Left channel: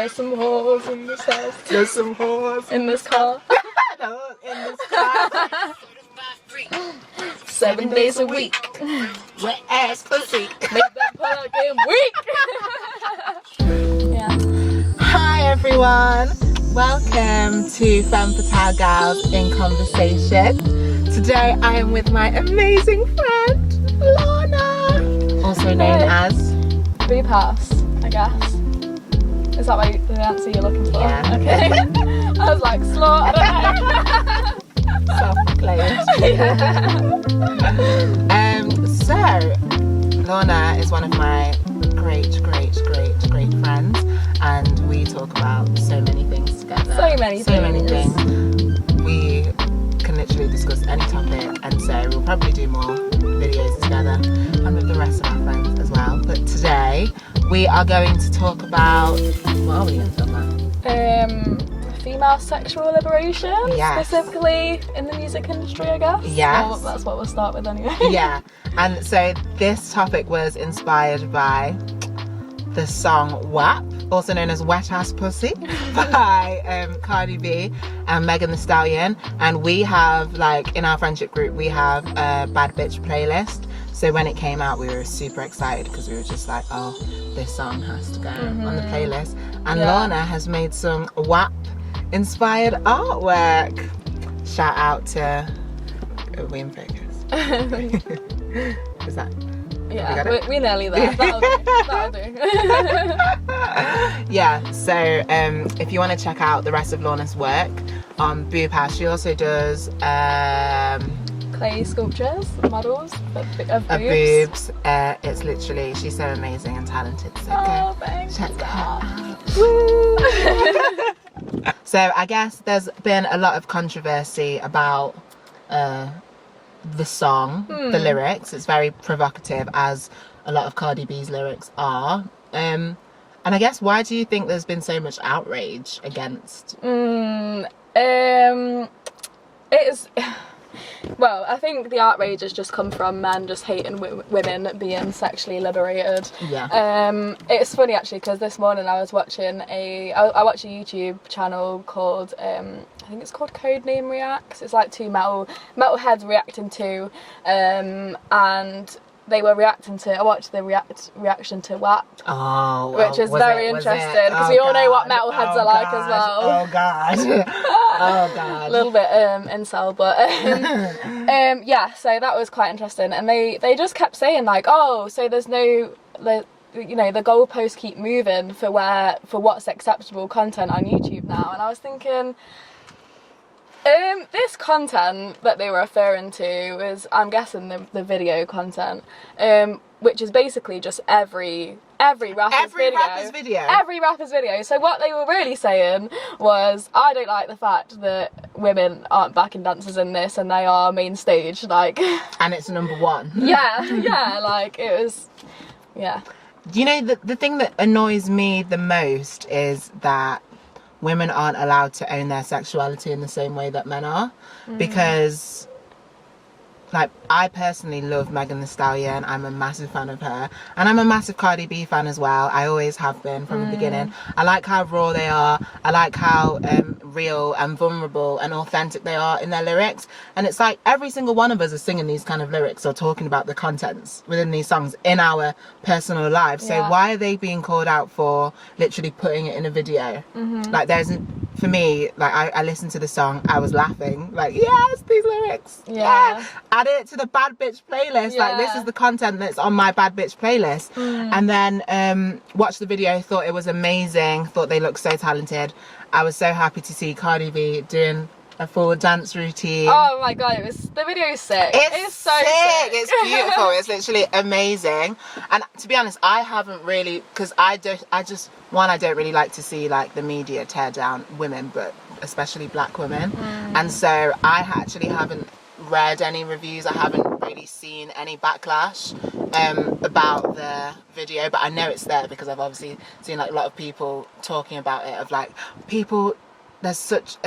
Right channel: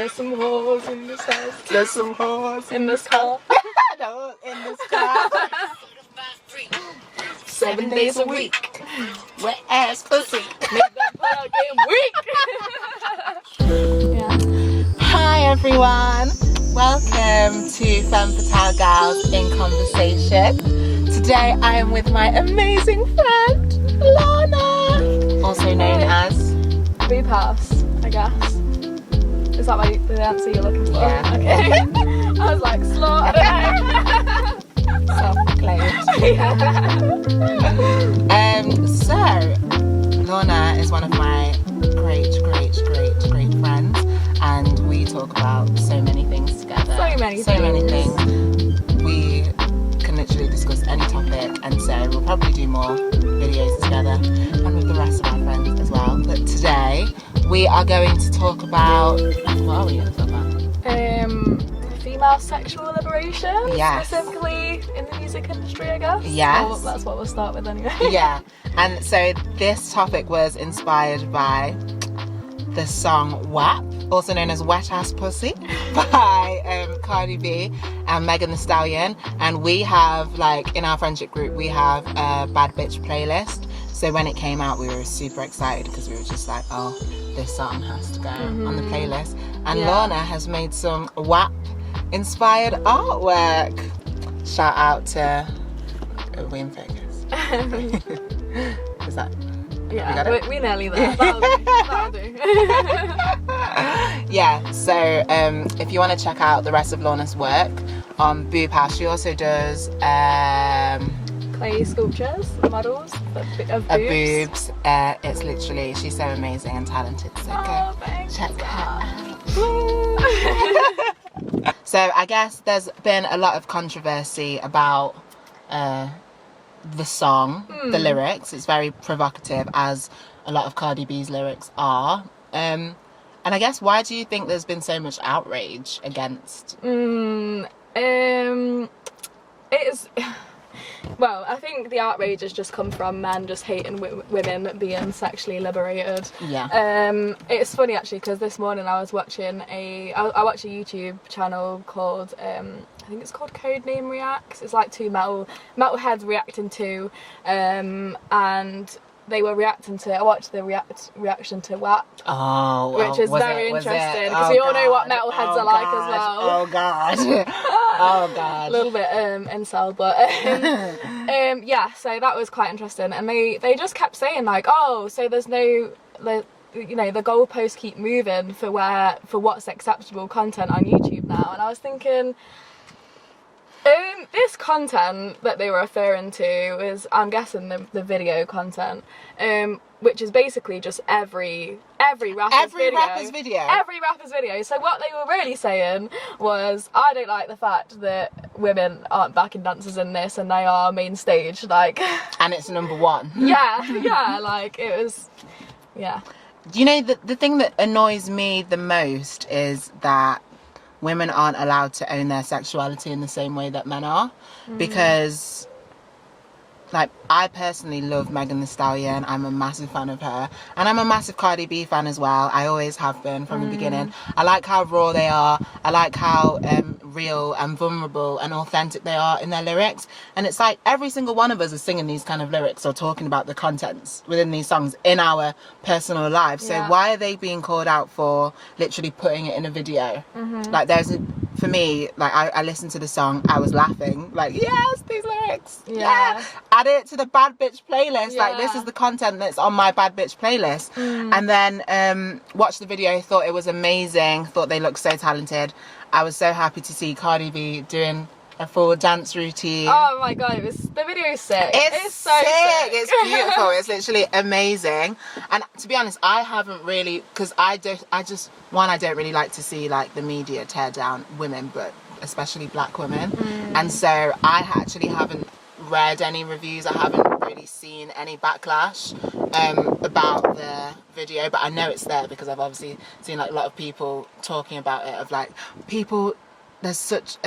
There's some whores in this house. There's some whores In this car. No, in this car. 7 days a week. Wet ass pussy. Make that plug in week. Yeah. Hi everyone. Welcome to Feminism in Conversation. Today I am with my amazing friend, Lorna. Also known as Boob Haus, I guess. Is that the answer you're looking for? Yeah. Okay. I was like, slut, I don't know. So, Lorna is one of my great friends, and we talk about so many things together. So many things. We can literally discuss any topic, and so we'll probably do more videos together and with the rest of our friends as well. But today we are going to talk about, what are we going to talk about? Female sexual liberation, Yes. specifically in the music industry, I guess. Yes. Well, that's what we'll start with anyway. Yeah, and so this topic was inspired by the song WAP, also known as Wet Ass Pussy, by Cardi B and Megan Thee Stallion. And we have, like, in our friendship group, we have a bad bitch playlist. So when it came out, we were super excited because we were just like, oh, this song has to go on the playlist. And Lorna has made some WAP inspired artwork. Shout out to we in focus. Is that? Yeah, we're nearly there. That'll do. Yeah, so if you want to check out the rest of Lorna's work on Boob Haus, she also does clay sculptures, models of boobs. It's literally, she's so amazing and talented, so go check her out. So I guess there's been a lot of controversy about the song, the lyrics. It's very provocative, as a lot of Cardi B's lyrics are. And I guess, why do you think there's been so much outrage against? It's well, I think the outrage has just come from men just hating women being sexually liberated. Yeah. It's funny actually, because this morning I was watching I watch a YouTube channel called I think it's called Codename Reacts. It's like two metalheads reacting to and they were reacting to, I watched the reaction to WAP. Oh, which is very interesting, because we all know what metalheads are like as well. Oh god. Oh god. A little bit incel, but yeah, so that was quite interesting. And they just kept saying like, oh, so there's no, the goalposts keep moving for what's acceptable content on YouTube now. And I was thinking, this content that they were referring to is, I'm guessing, the video content, which is basically just every rapper's video. Every rapper's video. So what they were really saying was, I don't like the fact that women aren't backing dancers in this and they are main stage, like. And it's number one. Yeah, like it was, yeah. You know, the thing that annoys me the most is that women aren't allowed to own their sexuality in the same way that men are. Because, like, I personally love Megan Thee Stallion. I'm a massive fan of her. And I'm a massive Cardi B fan as well. I always have been from the beginning. I like how raw they are. I like how real and vulnerable and authentic they are in their lyrics. And it's like every single one of us is singing these kind of lyrics or talking about the contents within these songs in our personal lives. So why are they being called out for literally putting it in a video? Like, for me, like, I listened to the song, I was laughing, like, yes, these lyrics, yeah. Add it to the bad bitch playlist, like, this is the content that's on my bad bitch playlist. And then watched the video, thought it was amazing, thought they looked so talented. I was so happy to see Cardi B doing a full dance routine. Oh my god, the video is sick. It's so sick. It's beautiful. It's literally amazing. And to be honest, I haven't really, because I don't really like to see, like, the media tear down women, but especially black women. And so I actually haven't read any reviews. I haven't really seen any backlash about the video, but I know it's there because I've obviously seen, like, a lot of people talking about it, of like, people, there's such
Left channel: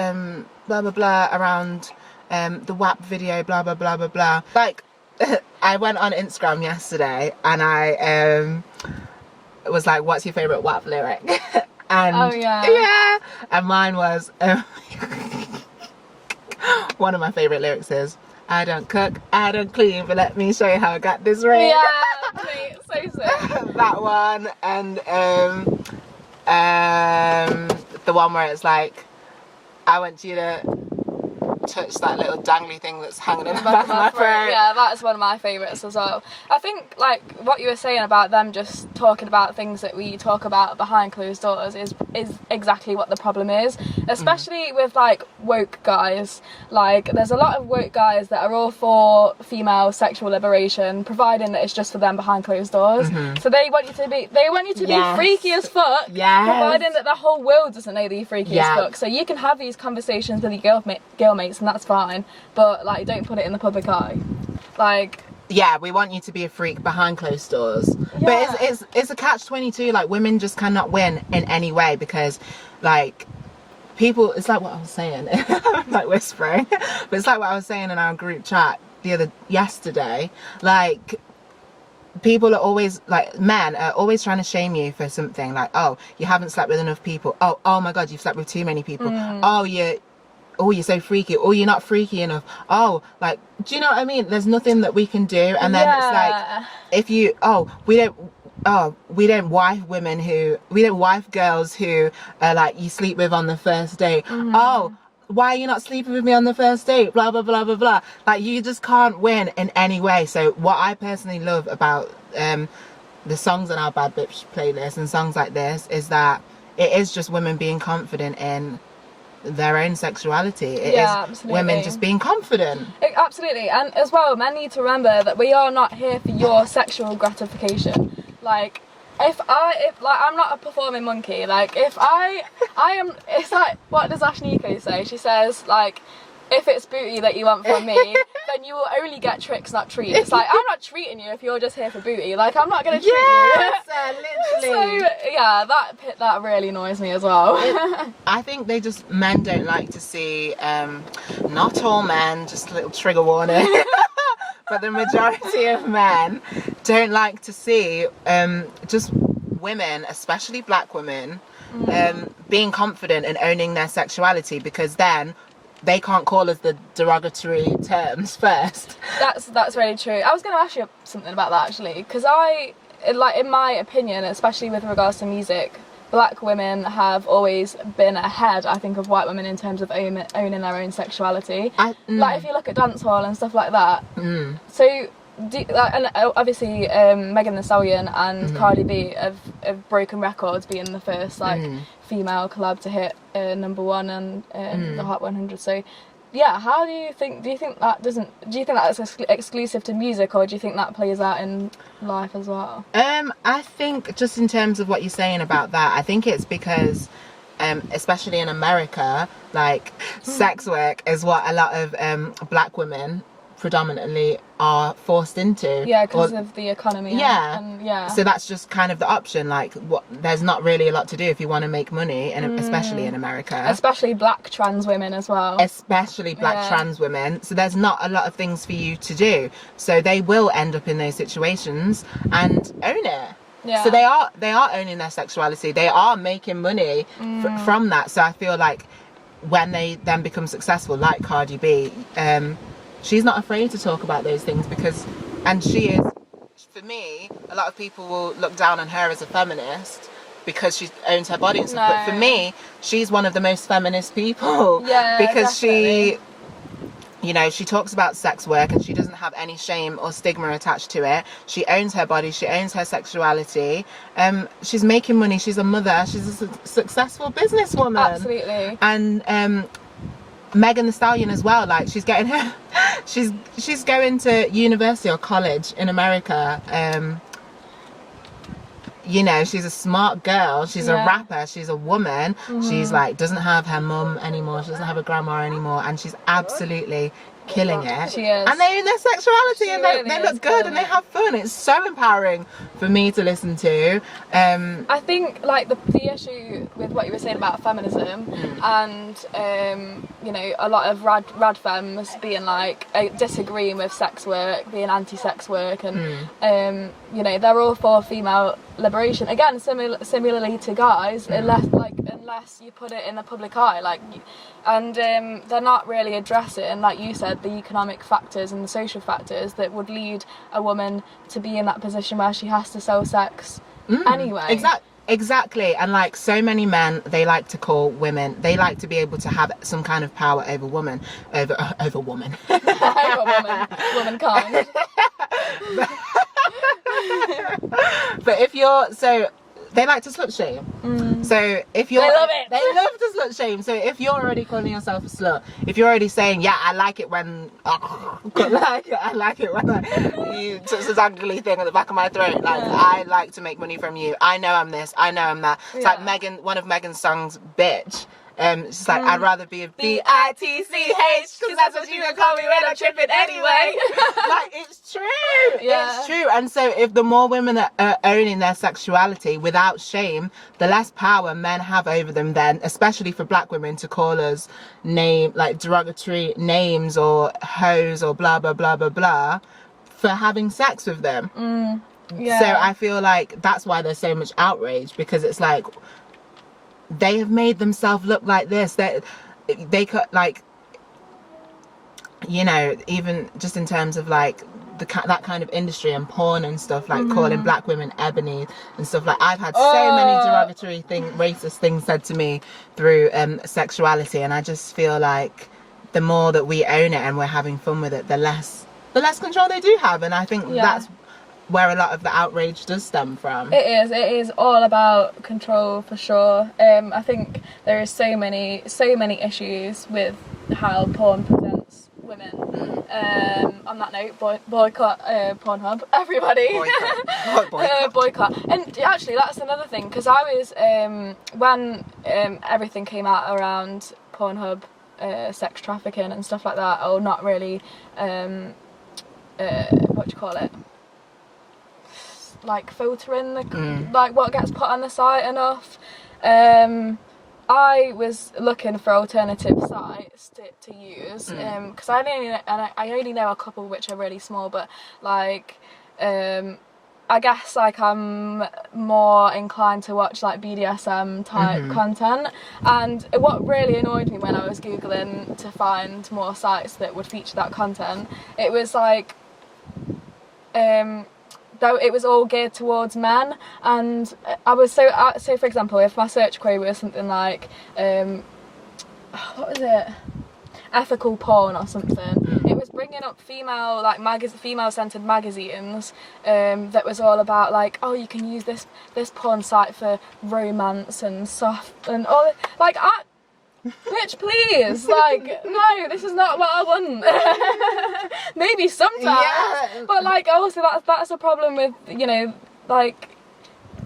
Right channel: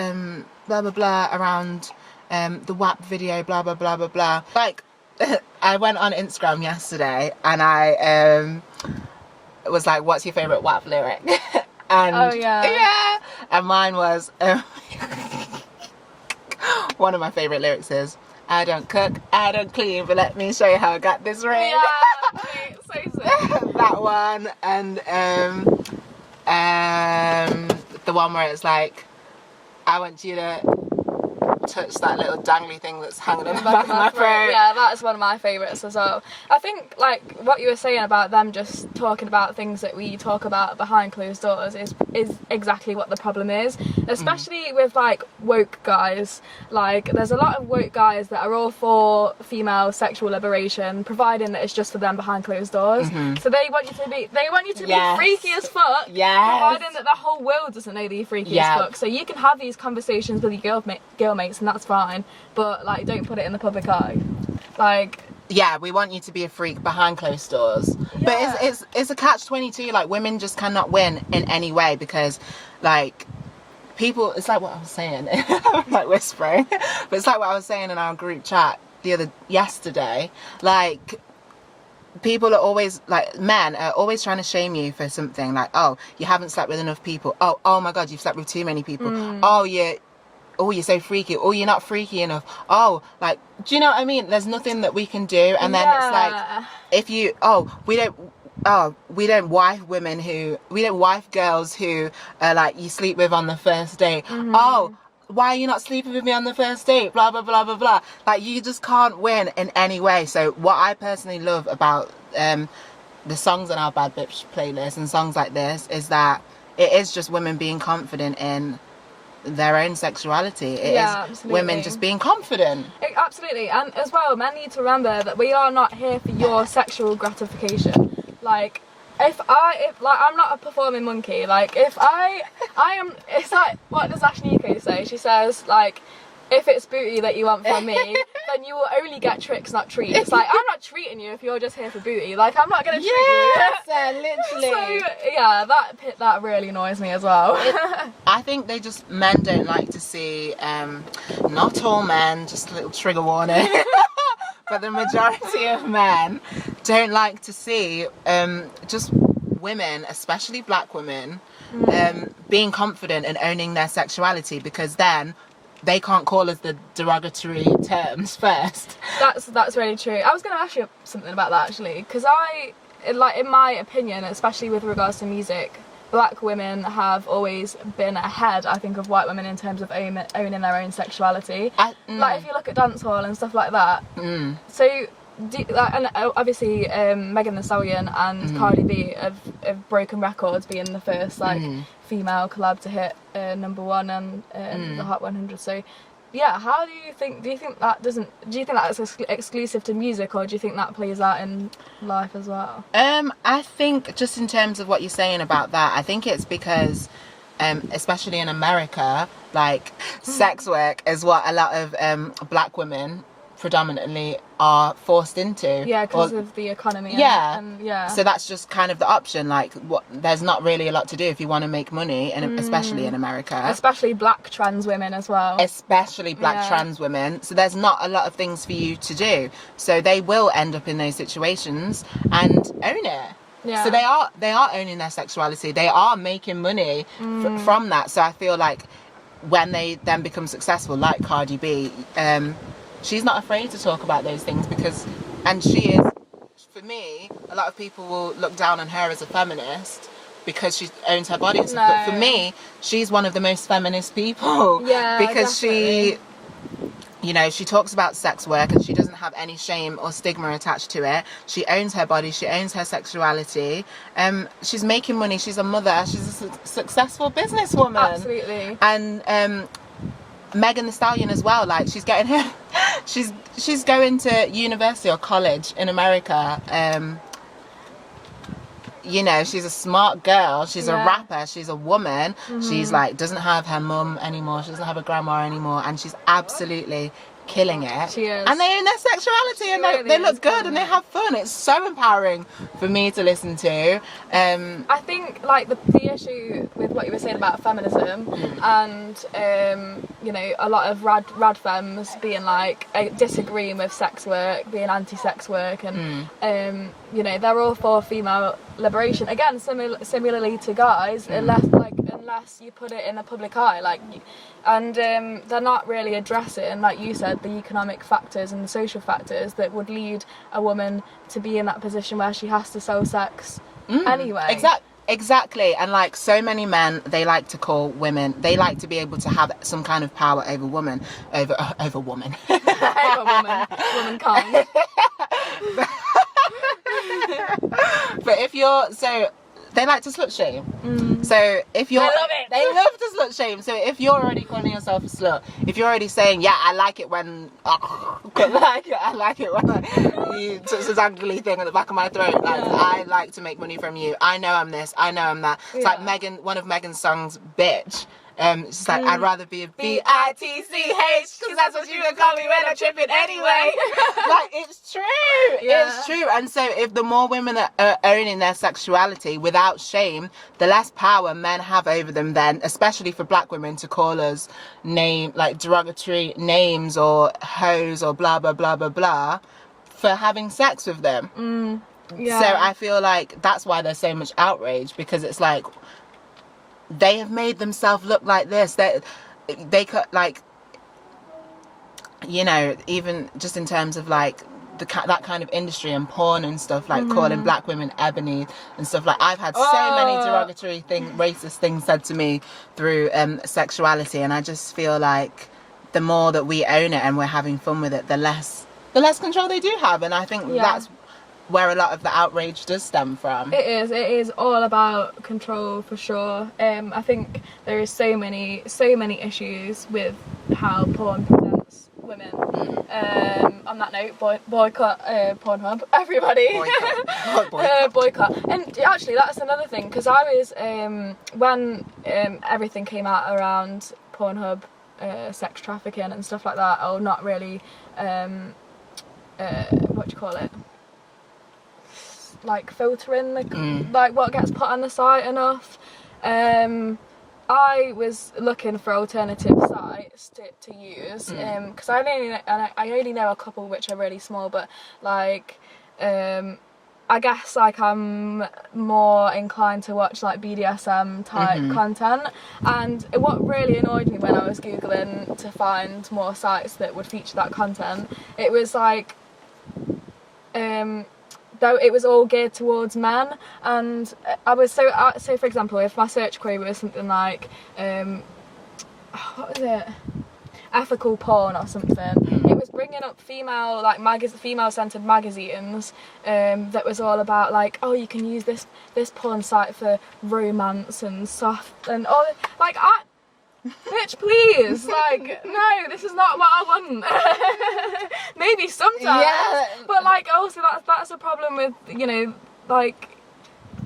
blah blah blah around the WAP video, blah blah blah blah blah. Like, I went on Instagram yesterday and I was like, what's your favourite WAP lyric? And yeah. And mine was one of my favorite lyrics is, I don't cook, I don't clean, but let me show you how I got this ring. Yeah, mate, so sick. That one. And the one where it's like, I want you to touch that little dangly thing that's hanging in the back of my throat. Yeah, that's one of my favourites as well. I think, like, what you were saying about them just talking about things that we talk about behind closed doors is exactly what the problem is, especially with, like, woke guys. Like, there's a lot of woke guys that are all for female sexual liberation, providing that it's just for them behind closed doors. So they want you to be freaky as fuck, providing that the whole world doesn't know that you're freaky as fuck. So you can have these conversations with your girl mates, and that's fine, but, like, don't put it in the public eye. Like, yeah, we want you to be a freak behind closed doors. But it's a catch-22. Like, women just cannot win in any way because, like, people, it's like what I was saying. I'm like whispering, but it's like what I was saying in our group chat yesterday. Like, people are always, like, men are always trying to shame you for something. Like, oh, you haven't slept with enough people. Oh my God, you've slept with too many people. Oh, you're so freaky. Oh, you're not freaky enough. Oh, like, do you know what I mean? There's nothing that we can do. And then it's like, if you, we don't wife girls who are like, you sleep with on the first date. Oh, why are you not sleeping with me on the first date? Blah, blah, blah, blah, blah. Like, you just can't win in any way. So what I personally love about the songs on our Bad Bitch playlist and songs like this is that it is just women being confident in their own sexuality. It is absolutely. Women just being confident. Absolutely. And as well, men need to remember that we are not here for your sexual gratification. Like, if I'm not a performing monkey. Like, if I am, it's like, what does Ashniko say? She says, like, if it's booty that you want from me, then you will only get tricks, not treats. Like, I'm not treating you if you're just here for booty. Like, I'm not going to treat you. Literally. So, yeah, that really annoys me as well. I think men don't like to see, not all men, just a little trigger warning, but the majority of men don't like to see just women, especially black women, being confident and owning their sexuality, because then they can't call us the derogatory terms first. That's really true. I was going to ask you something about that, actually, because in my opinion, especially with regards to music, black women have always been ahead, I think, of white women in terms of owning their own sexuality. Like, if you look at dancehall and stuff like that. So, and obviously, Megan Thee Stallion and Cardi B have broken records, being the first, like, female collab to hit #1 and the Hot 100. So, yeah, do you think that's exclusive to music, or do you think that plays out in life as well? I think, just in terms of what you're saying about that, I think it's because especially in America, like, sex work is what a lot of black women predominantly are forced into. Yeah, because of the economy. Yeah. So that's just kind of the option. Like, there's not really a lot to do if you want to make money, and especially in America. Especially black trans women as well. Trans women. So there's not a lot of things for you to do. So they will end up in those situations and own it. Yeah. So they are owning their sexuality. They are making money from that. So I feel like when they then become successful, like Cardi B, she's not afraid to talk about those things and she is, for me, a lot of people will look down on her as a feminist because she owns her body and stuff. But for me, she's one of the most feminist people. Yeah, because definitely. she talks about sex work and she doesn't have any shame or stigma attached to it. She owns her body. She owns her sexuality. She's making money. She's a mother. She's a successful businesswoman. Absolutely. And Megan Thee Stallion as well. Like, she's getting her, she's going to university or college in America. She's a smart girl. She's a rapper. She's a woman. She's like, doesn't have her mum anymore. She doesn't have a grandma anymore. And she's absolutely killing it. She is. And they own their sexuality and they look good and they have fun. It's so empowering for me to listen to. I think, like, the issue with what you were saying about feminism and a lot of rad femmes being like disagreeing with sex work, being anti-sex work, and you know, they're all for female liberation. Again, similarly to guys, unless you put it in the public eye, like, and they're not really addressing, like you said, the economic factors and the social factors that would lead a woman to be in that position where she has to sell sex anyway. Exactly. And like so many men, they like to call women, they like to be able to have some kind of power over woman, over woman. Womankind. But if you're, so they like to slut shame. So if you're, they love to slut shame. So if you're already calling yourself a slut, if you're already saying, yeah, I like it when I like it when you touch this angry thing at the back of my throat. Like, I like to make money from you. I know I'm this. I know I'm that. It's like one of Megan's songs, Bitch. It's just like, I'd rather be a bitch, because that's what you can call me when I'm tripping anyway. Like, it's true. It's true. And so if the more women are owning their sexuality without shame, the less power men have over them then, especially for black women, to call us derogatory names or hoes or blah, blah, blah, blah, blah, for having sex with them. So I feel like that's why there's so much outrage, because it's like, they have made themselves look like this. They could, like, you know, even just in terms of like that kind of industry and porn and stuff, like calling black women ebony and stuff. Like, I've had so many derogatory racist things said to me through sexuality, and I just feel like the more that we own it and we're having fun with it, the less control they do have. And I think that's where a lot of the outrage does stem from. It is all about control, for sure. I think there is so many issues with how porn presents women. On that note, boycott Pornhub, everybody. Boycott. And actually, that's another thing, because I was when everything came out around Pornhub, sex trafficking and stuff like that, or not really, what do you call it? Like filtering like what gets put on the site enough. I was looking for alternative sites to use, because I only know a couple which are really small, but like I guess like I'm more inclined to watch like BDSM type content. And what really annoyed me when I was googling to find more sites that would feature that content, it was like though it was all geared towards men, and I was so for example, if my search query was something like what was it, ethical porn or something, it was bringing up female-centered magazines that was all about like, oh, you can use this porn site for romance and soft and all, like, bitch, please, like, no, this is not what I want. Maybe sometimes, but like, also that's a problem with, you know, like,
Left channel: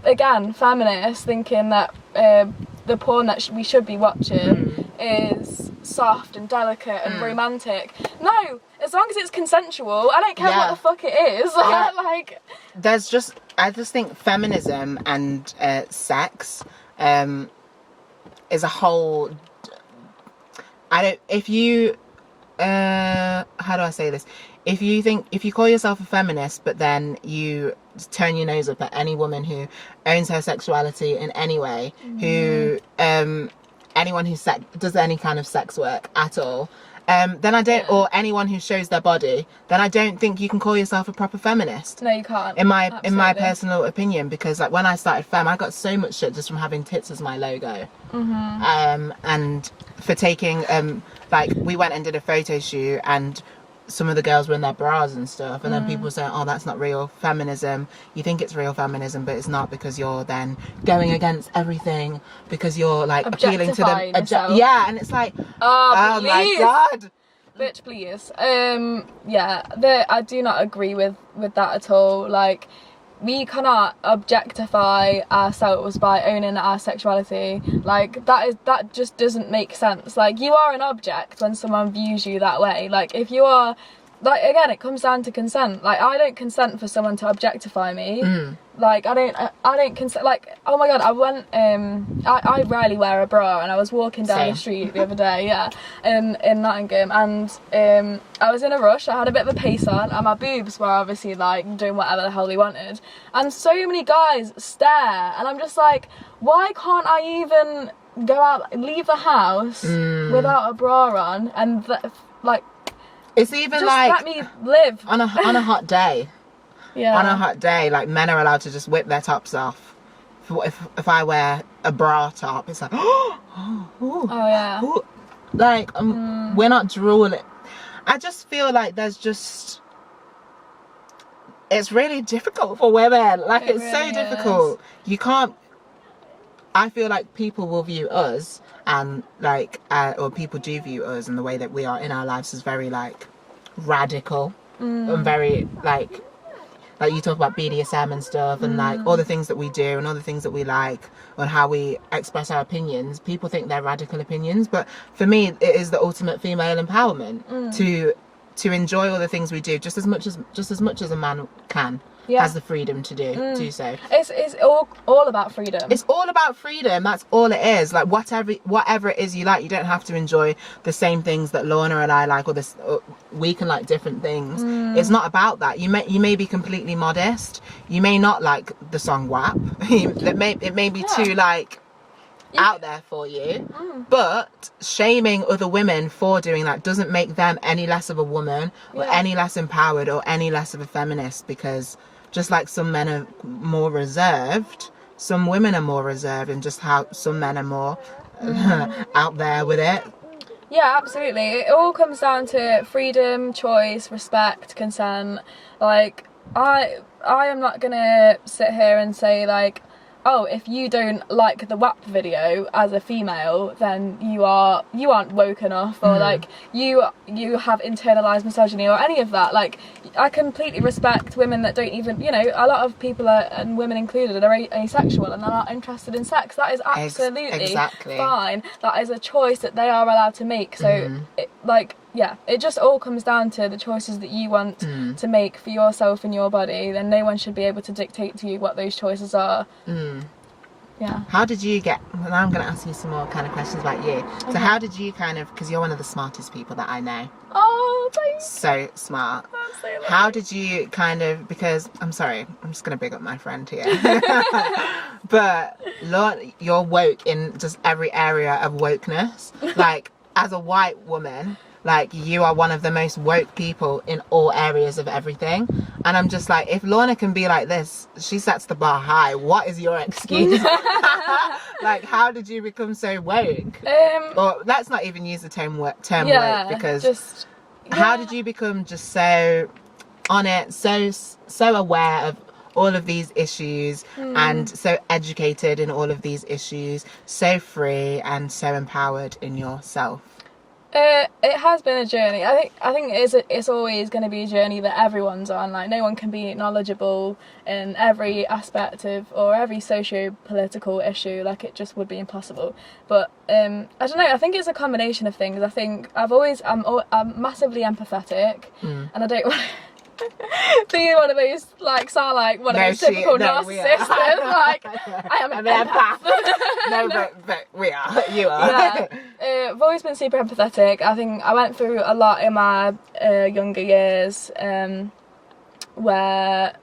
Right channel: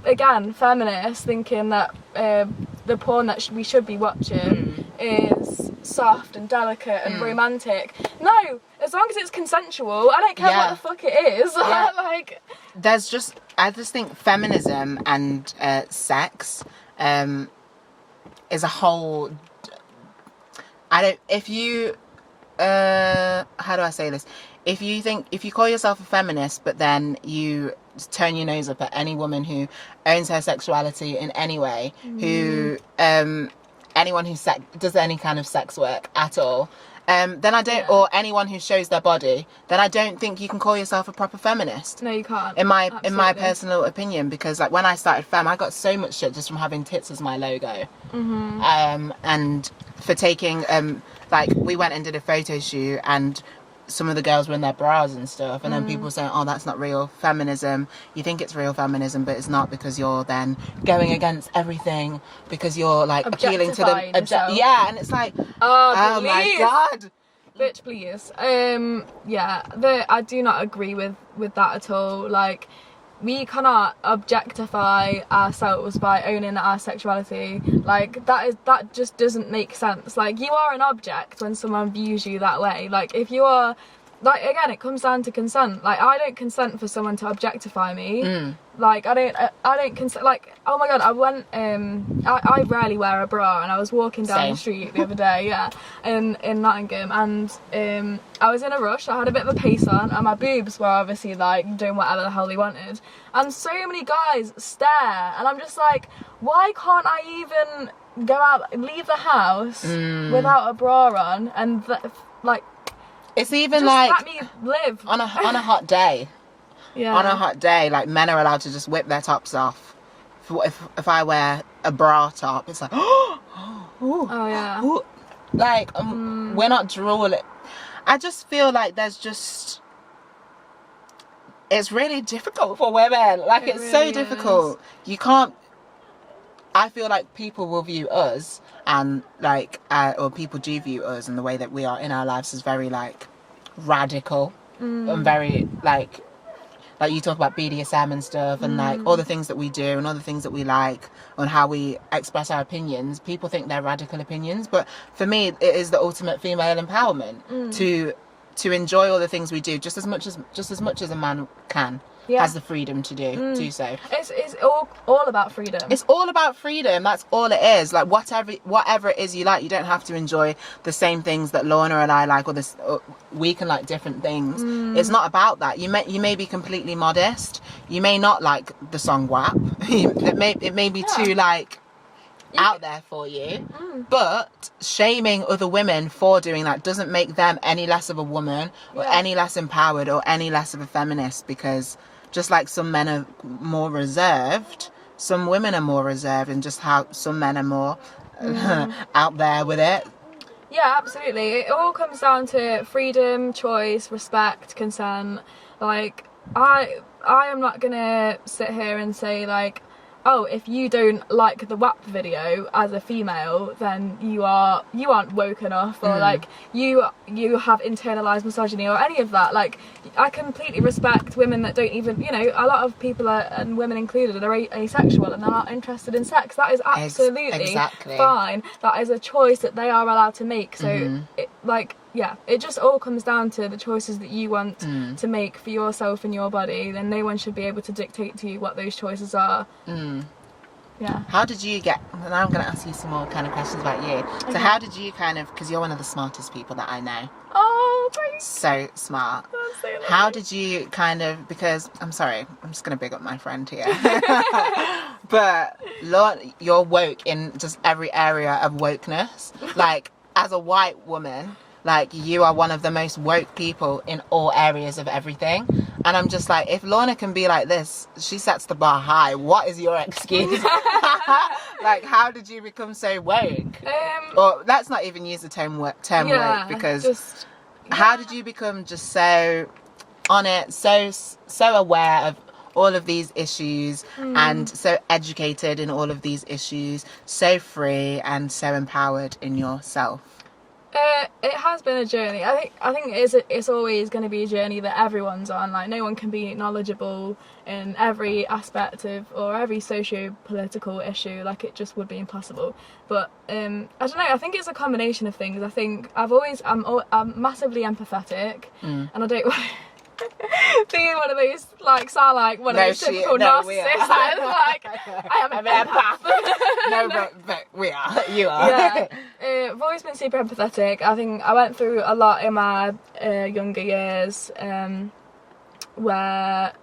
again, feminists thinking that the porn that we should be watching is soft and delicate and romantic. No, as long as it's consensual, I don't care what the fuck it is. Like, I just think feminism and sex is a whole. How do I say this? If you call yourself a feminist, but then you turn your nose up at any woman who owns her sexuality in any way, who anyone who does any kind of sex work at all, then I don't, or anyone who shows their body, then I don't think you can call yourself a proper feminist. No, you can't. In my personal opinion, because like when I started Femme, I got so much shit just from having tits as my logo, and for taking like, we went and did a photo shoot and some of the girls were in their bras and stuff, and then people say, oh, that's not real feminism. You think it's real feminism, but it's not, because you're then going against everything, because you're like appealing to the and it's like, oh my god, bitch, please. I do not agree with that at all. Like, we cannot objectify ourselves by owning our sexuality. Like, that just doesn't make sense. Like, you are an object when someone views you that way. Like, if you are like, again, it comes down to consent. Like, I don't consent for someone to objectify me. Like, I don't consent. Like, oh my god, I went, I rarely wear a bra, and I was walking down the street the other day, in Nottingham, and I was in a rush. I had a bit of a pace on, and my boobs were obviously like doing whatever the hell they wanted, and so many guys stare, and I'm just like, why can't I even go out, leave the house without a bra on, and like, it's even just like, let me live on a hot day. Yeah. On a hot day, like, men are allowed to just whip their tops off. If I wear a bra top, it's like, oh yeah. Like, we're not drooling. I just feel like there's just, it's really difficult for women. Like, it's really so difficult. You can't, I feel like people will view us, and like, or people do view us, and the way that we are in our lives is very, like, radical and very, like you talk about BDSM and stuff, and like all the things that we do and all the things that we like and how we express our opinions. People think they're radical opinions, but for me, it is the ultimate female empowerment to enjoy all the things we do just as much as a man can. Has the freedom to do so. It's all about freedom. It's all about freedom. That's all it is. Like, whatever it is you like, you don't have to enjoy the same things that Lorna and I like, or we can like different things. It's not about that. You may be completely modest. You may not like the song WAP. It may be too like out there for you, but shaming other women for doing that doesn't make them any less of a woman or any less empowered or any less of a feminist, because just like some men are more reserved, some women are more reserved, and just how some men are more out there with it. Yeah, absolutely. It all comes down to freedom, choice, respect, consent. Like, I am not gonna sit here and say like, oh, if you don't like the WAP video as a female, then you aren't woke enough, or like you have internalized misogyny or any of that. Like, I completely respect women that don't even, you know, a lot of people are, and women included, are asexual and they're not interested in sex. That is absolutely fine. That is a choice that they are allowed to make. So it just all comes down to the choices that you want to make for yourself and your body. Then no one should be able to dictate to you what those choices are. Yeah. How did you get, now I'm going to ask you some more kind of questions about you. Okay. So how did you kind of, because you're one of the smartest people that I know. Oh, thanks. So smart. So how did you kind of, because, I'm sorry, I'm just going to big up my friend here. But you're woke in just every area of wokeness. Like, as a white woman, like, you are one of the most woke people in all areas of everything. And I'm just like, if Lorna can be like this, she sets the bar high. What is your excuse? Like, how did you become so woke? Or let's not even use the term woke, because how did you become just so on it, so aware of all of these issues, and so educated in all of these issues, so free and so empowered in yourself? It has been a journey. I think it's always going to be a journey that everyone's on. Like, no one can be knowledgeable in every aspect of, or every socio-political issue. Like, it just would be impossible. But I don't know, I think it's a combination of things. I think I'm massively empathetic, and I don't want being one of those, like, sound like one of those typical narcissists. Like, I am an empath. No, but we are. You are. Yeah. I've always been super empathetic. I think I went through a lot in my younger years, where,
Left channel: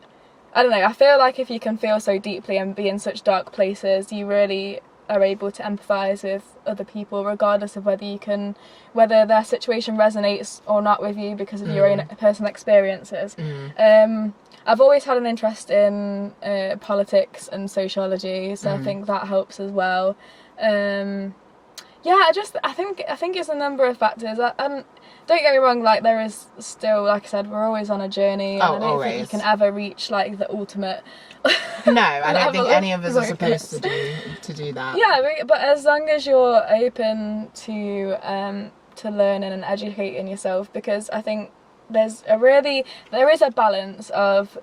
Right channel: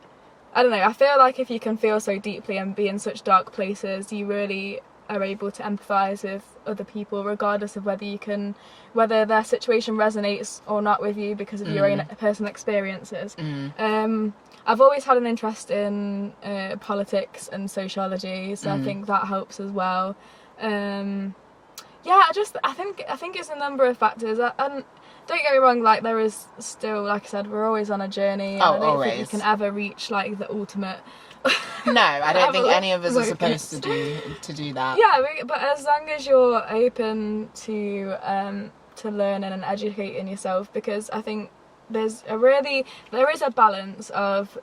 I don't know, I feel like if you can feel so deeply and be in such dark places, you really are able to empathise with other people, regardless of whether their situation resonates or not with you because of your own personal experiences. I've always had an interest in politics and sociology, so I think that helps as well. I think it's a number of factors. And don't get me wrong, like, there is still, like I said, we're always on a journey, and I don't think you can ever reach, like, the ultimate. No, I don't think any of us are supposed to do that. Yeah, but as long as you're open to learning and educating yourself, because I think there is a balance of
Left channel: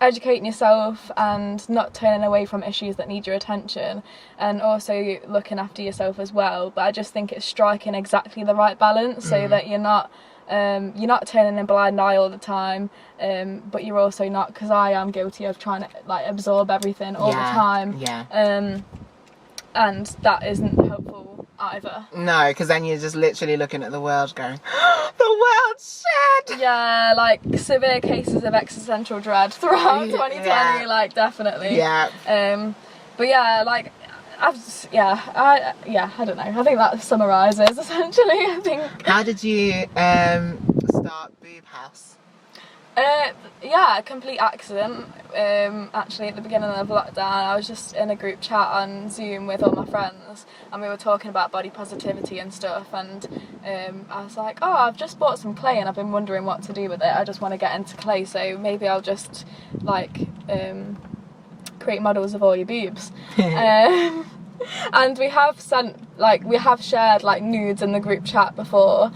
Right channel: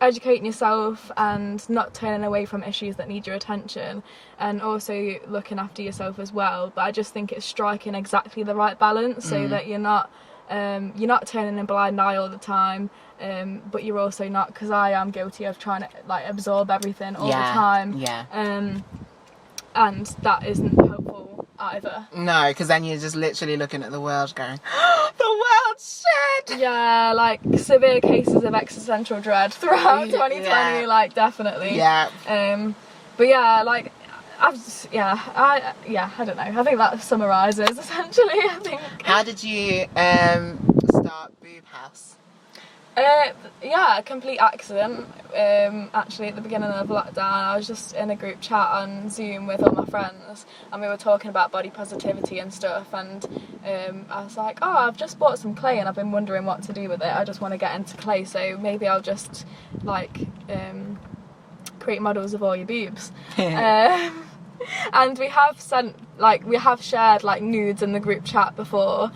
educating yourself and not turning away from issues that need your attention, and also looking after yourself as well. But I just think it's striking exactly the right balance so that you're not You're not turning a blind eye all the time, but you're also not, because I am guilty of trying to like absorb everything all the time. And that isn't helpful either. No, because then you're just literally looking at the world going, the world's shit! Yeah, like severe cases of existential dread throughout 2020, like definitely. Yeah. But yeah, like, I don't know. I think that summarises essentially, I think. How did you start Boob Haus? A complete accident. Actually, at the beginning of lockdown, I was just in a group chat on Zoom with all my friends, and we were talking about body positivity and stuff. And I was like, "Oh, I've just bought some clay, and I've been wondering what to do with it. I just want to get into clay, so maybe I'll just like create models of all your boobs." And we have shared like nudes in the group chat before.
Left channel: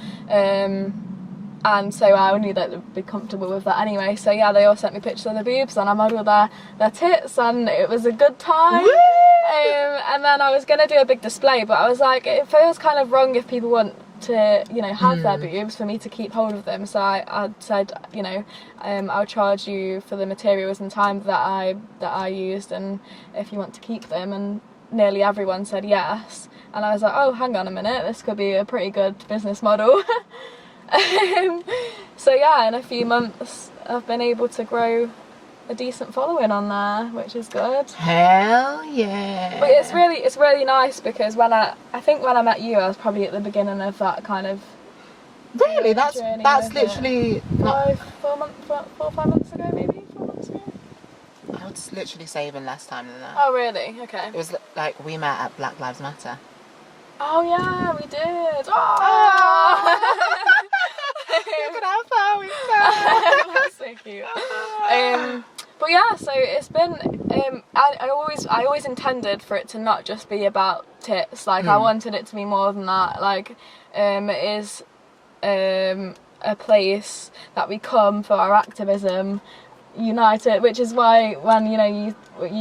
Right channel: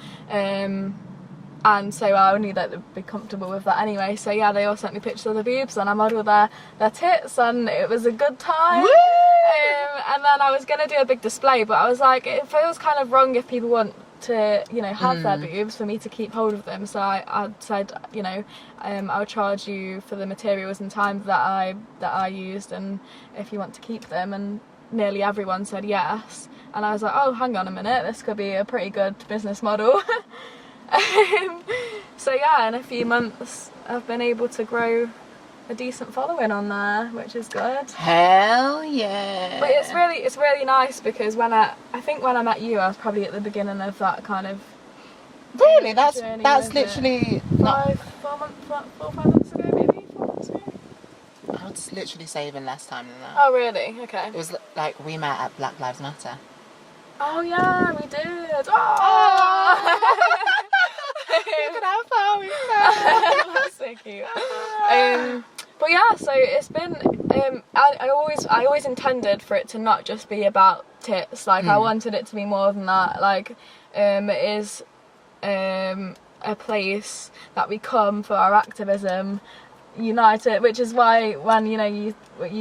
And so I knew that they'd be comfortable with that anyway. So yeah, they all sent me pictures of their boobs, and I modelled their tits, and it was a good time. And then I was going to do a big display, but I was like, it feels kind of wrong if people want to, you know, have their boobs for me to keep hold of them. So I said, you know, I'll charge you for the materials and time that I used, and if you want to keep them. And nearly everyone said yes. And I was like, oh, hang on a minute, this could be a pretty good business model. So yeah, in a few months I've been able to grow a decent following on there, which is good. Hell yeah. But it's really nice, because when I met you, I was probably at the beginning of that kind of really that's literally not 4 or 5 months ago, maybe 4 months ago. I would literally say even less time than that. Oh really? Okay. It was like we met at Black Lives Matter. Oh yeah, we did. Oh. Look at how far we've come. That's so cute. But yeah, so it's been. I always intended for it to not just be about tits. Like I wanted it to be more than that. Like it is a place that we come for our activism, united, which is why when you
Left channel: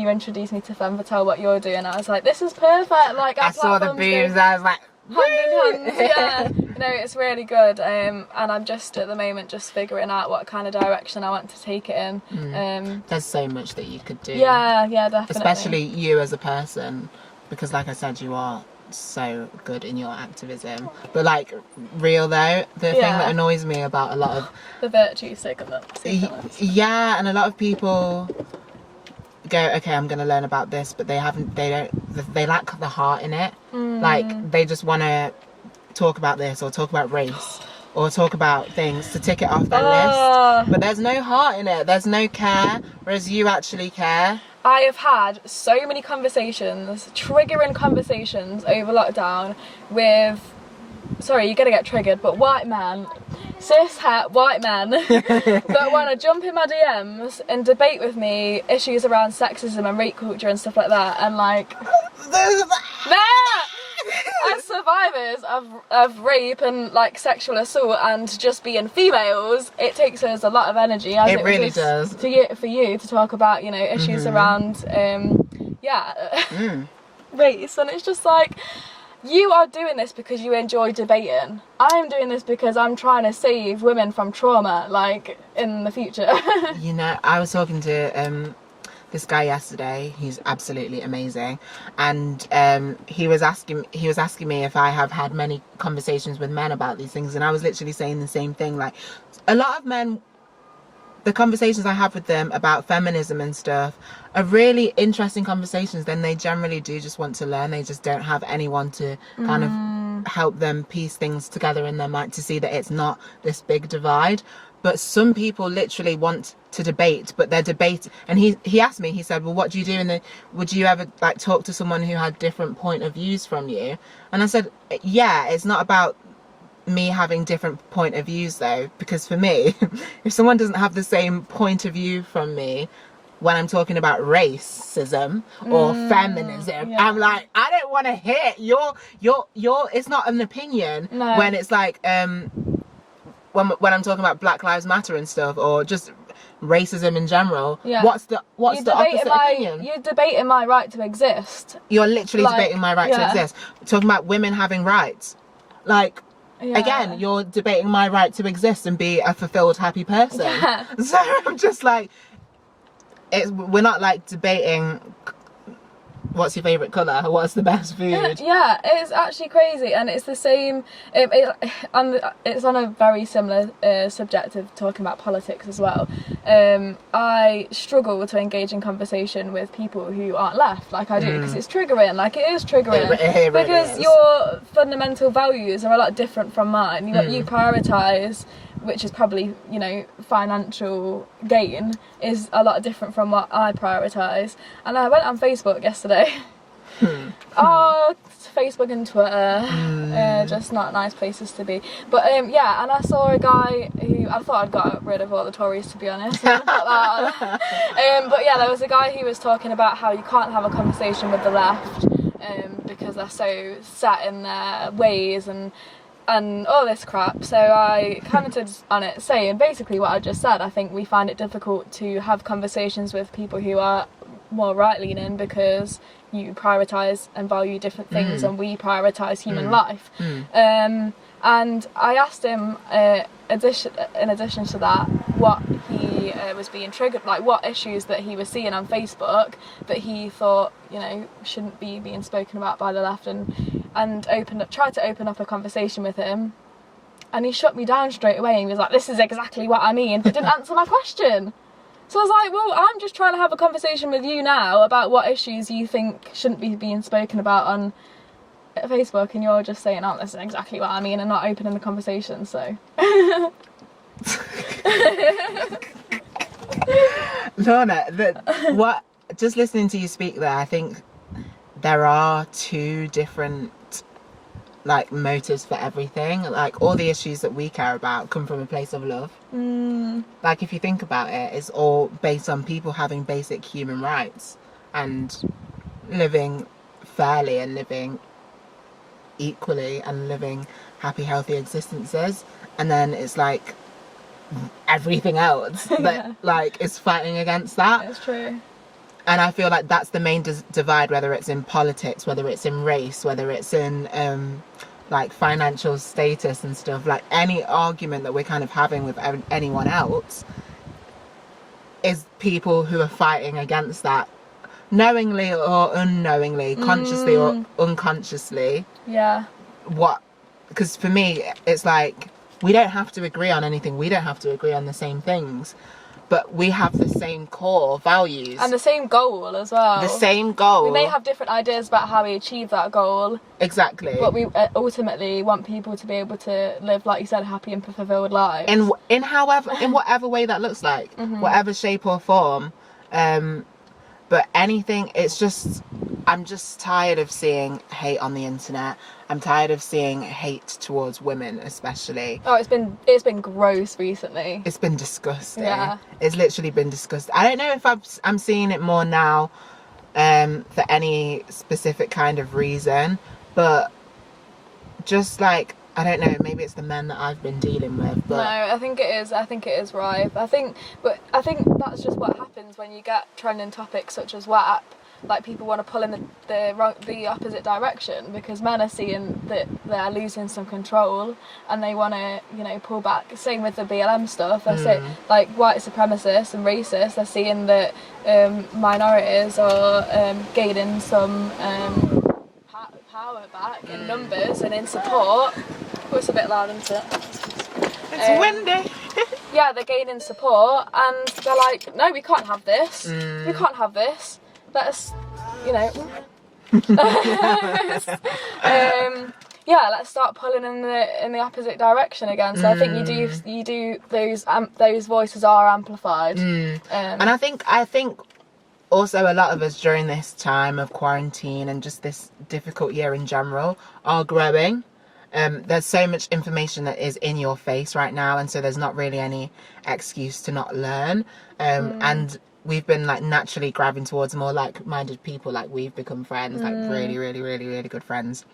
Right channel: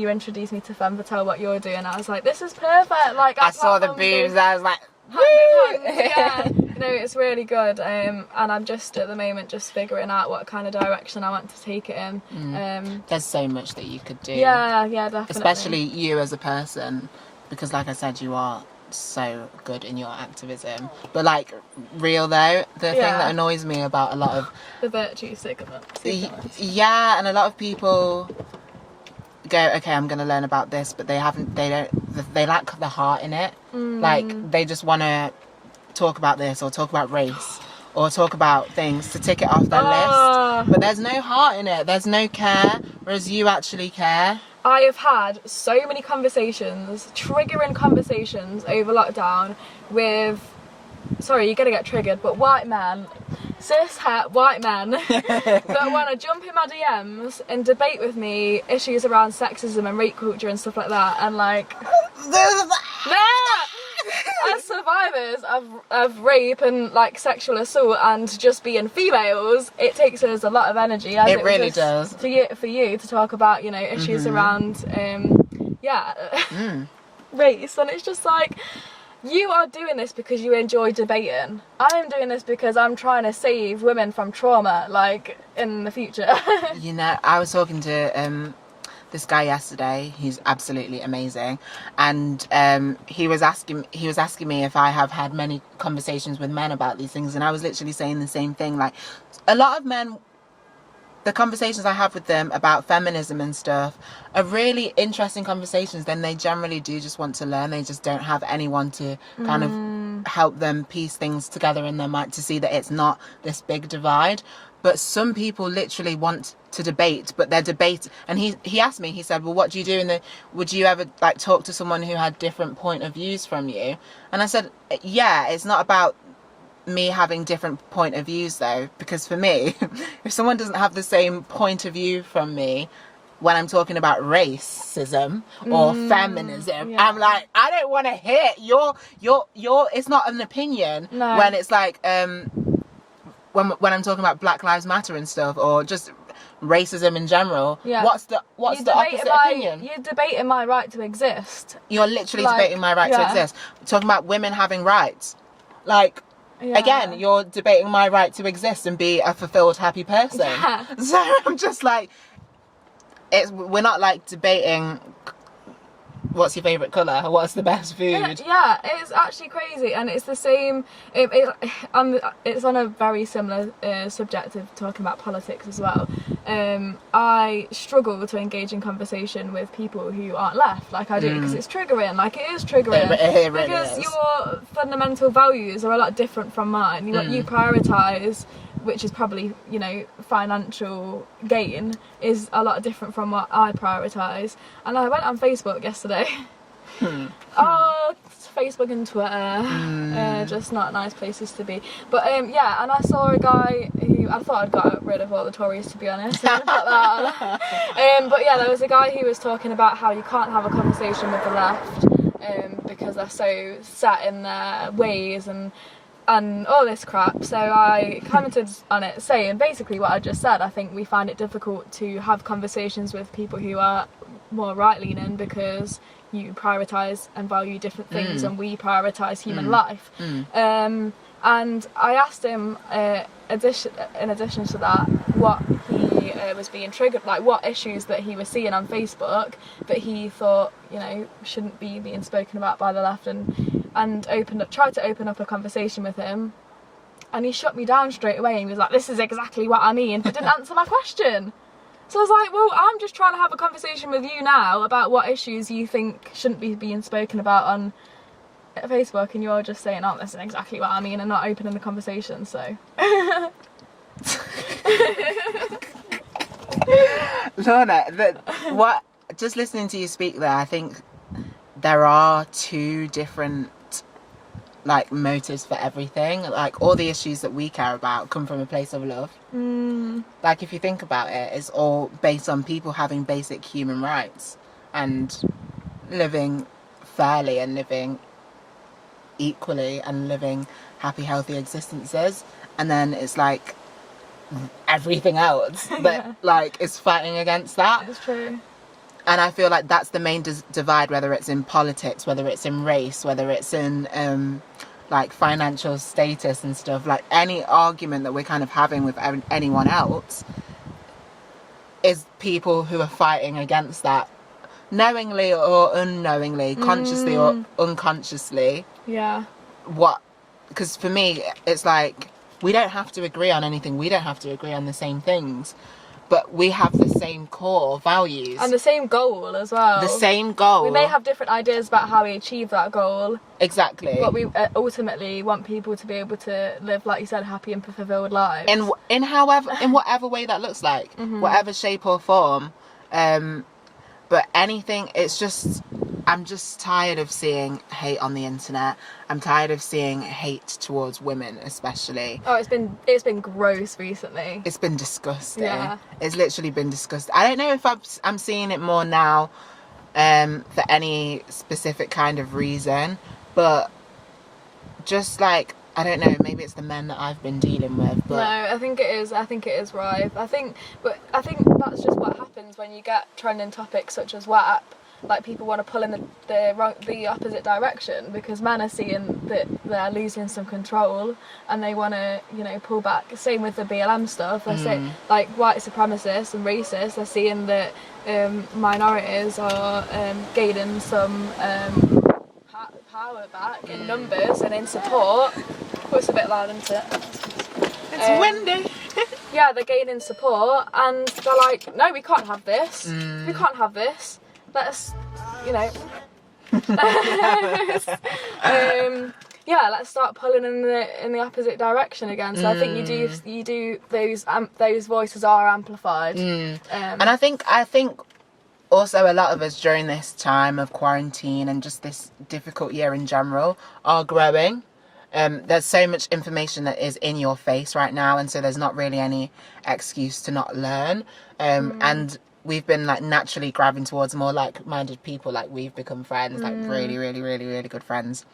introduced me to Femme Fatale, what you're doing, I was like, this is perfect. Like I saw the boobs, I was like, hand in hand, yeah. It's really good. And I'm just at the moment just figuring out what kind of direction I want to take it in. There's so much that you could do. Yeah, definitely. Especially you as a person, because like I said, you are so good in your activism. But like, real though, the thing that annoys me about a lot of the virtue signal. Yeah, and a lot of people go, okay, I'm going to learn about this, but they lack the heart in it. Like they just want to talk about this or talk about race or talk about things to tick it off their list, but there's no heart in it, there's no care, whereas you actually care. I have had so many conversations, triggering conversations over lockdown with, sorry, you're gonna get triggered, but white men, cis-het white men that want to jump in my DMs and debate with me issues around sexism and rape culture and stuff like that, and like, as survivors of rape and like sexual assault and just being females, it takes us a lot of energy, as it really does, for you to talk about, issues around race. And it's just like, you are doing this because you enjoy debating. I'm doing this because I'm trying to save women from trauma, like, in the future. I was talking to this guy yesterday. He's absolutely amazing, and he was asking me if I have had many conversations with men about these things, and I was literally saying the same thing. Like, a lot of men, the conversations I have with them about feminism and stuff are really interesting conversations. Then they generally do just want to learn. They just don't have anyone to kind of help them piece things together in their mind to see that it's not this big divide. But some people literally want to debate, but they're debate. And he asked me, he said, well, what do you do? Would you ever like talk to someone who had different point of views from you? And I said, yeah, it's not about me having different point of views though, because for me, if someone doesn't have the same point of view from me when I'm talking about racism or feminism, I'm like, I don't want to hear your it's not an opinion. No. When it's like when I'm talking about Black Lives Matter and stuff, or just racism in general, what's the opposite opinion? You're debating my right to exist. You're literally debating my right to exist. Talking about women having rights, like, again, you're debating my right to exist and be a fulfilled, happy person. Yeah. So I'm just like, we're not like debating what's your favourite colour, what's the best food. Yeah, it's actually crazy, and it's the same. It's on a very similar subject of talking about politics as well. I struggle to engage in conversation with people who aren't left, like I do, because it's triggering. Like, it is triggering, it really because is. your fundamental values are a lot different from mine. You prioritise, which is probably, you know, financial gain, is a lot different from what I prioritise. And I went on Facebook yesterday. Facebook and Twitter, just not nice places to be. But yeah, and I saw a guy who, I thought I'd got rid of all the Tories, to be honest. But yeah, there was a guy who was talking about how you can't have a conversation with the left because they're so set in their ways and all this crap. So I commented on it saying basically what I just said. I think we find it difficult to have conversations with people who are more right-leaning because you prioritise and value different things and we prioritise human life. And I asked him, in addition to that, what he was being triggered, like what issues that he was seeing on Facebook that he thought, you know, shouldn't be being spoken about by the left, and tried to open up a conversation with him, and he shut me down straight away. He was like, "This is exactly what I mean," but didn't answer my question. So I was like, well, I'm just trying to have a conversation with you now about what issues you think shouldn't be being spoken about on Facebook, and you're just saying, "Oh, this is exactly what I mean," and not opening the conversation. So Lorna, just listening to you speak there, I think there are two different like motives for everything. Like, all the issues that we care about come from a place of love. Like, if you think about it, it's all based on people having basic human rights and living fairly and living equally and living happy, healthy existences. And then it's like everything else that like is fighting against that. It's true. And I feel like that's the main divide, whether it's in politics, whether it's in race, whether it's in like financial status and stuff. Like, any argument that we're kind of having with anyone else is people who are fighting against that, knowingly or unknowingly, consciously or unconsciously. Yeah. Because for me, it's like, we don't have to agree on anything. We don't have to agree on the same things. But we have the same core values. And the same goal as well. The same goal. We may have different ideas about how we achieve that goal. Exactly. But we ultimately want people to be able to live, like you said, happy and fulfilled lives. In whatever way that looks like. Whatever shape or form. But anything, it's just, I'm just tired of seeing hate on the internet. I'm tired of seeing hate towards women, especially. Oh, it's been gross recently. It's been disgusting. Yeah. It's literally been disgusting. I don't know if I'm seeing it more now for any specific kind of reason, but just like, I don't know, maybe it's the men that I've been dealing with. But... No, I think it is Rive. I think that's just what happens when you get trending topics such as WAP. Like, people want to pull in the opposite direction because men are seeing that they're losing some control and they want to, you know, pull back. Same with the BLM stuff. They're saying, like, white supremacists and racists, they're seeing that minorities are gaining some power back in numbers and in support. Oh, it's a bit loud, isn't it? It's windy. Yeah, they're gaining support and they're like, no, we can't have this. We can't have this. Let us, you know. Yeah, let's start pulling in the opposite direction again. So I think you do those voices are amplified. And I think also a lot of us during this time of quarantine and just this difficult year in general are growing. There's so much information that is in your face right now, and so there's not really any excuse to not learn. And we've been like naturally grabbing towards more like-minded people. Like, we've become friends, like really, really, really, really good friends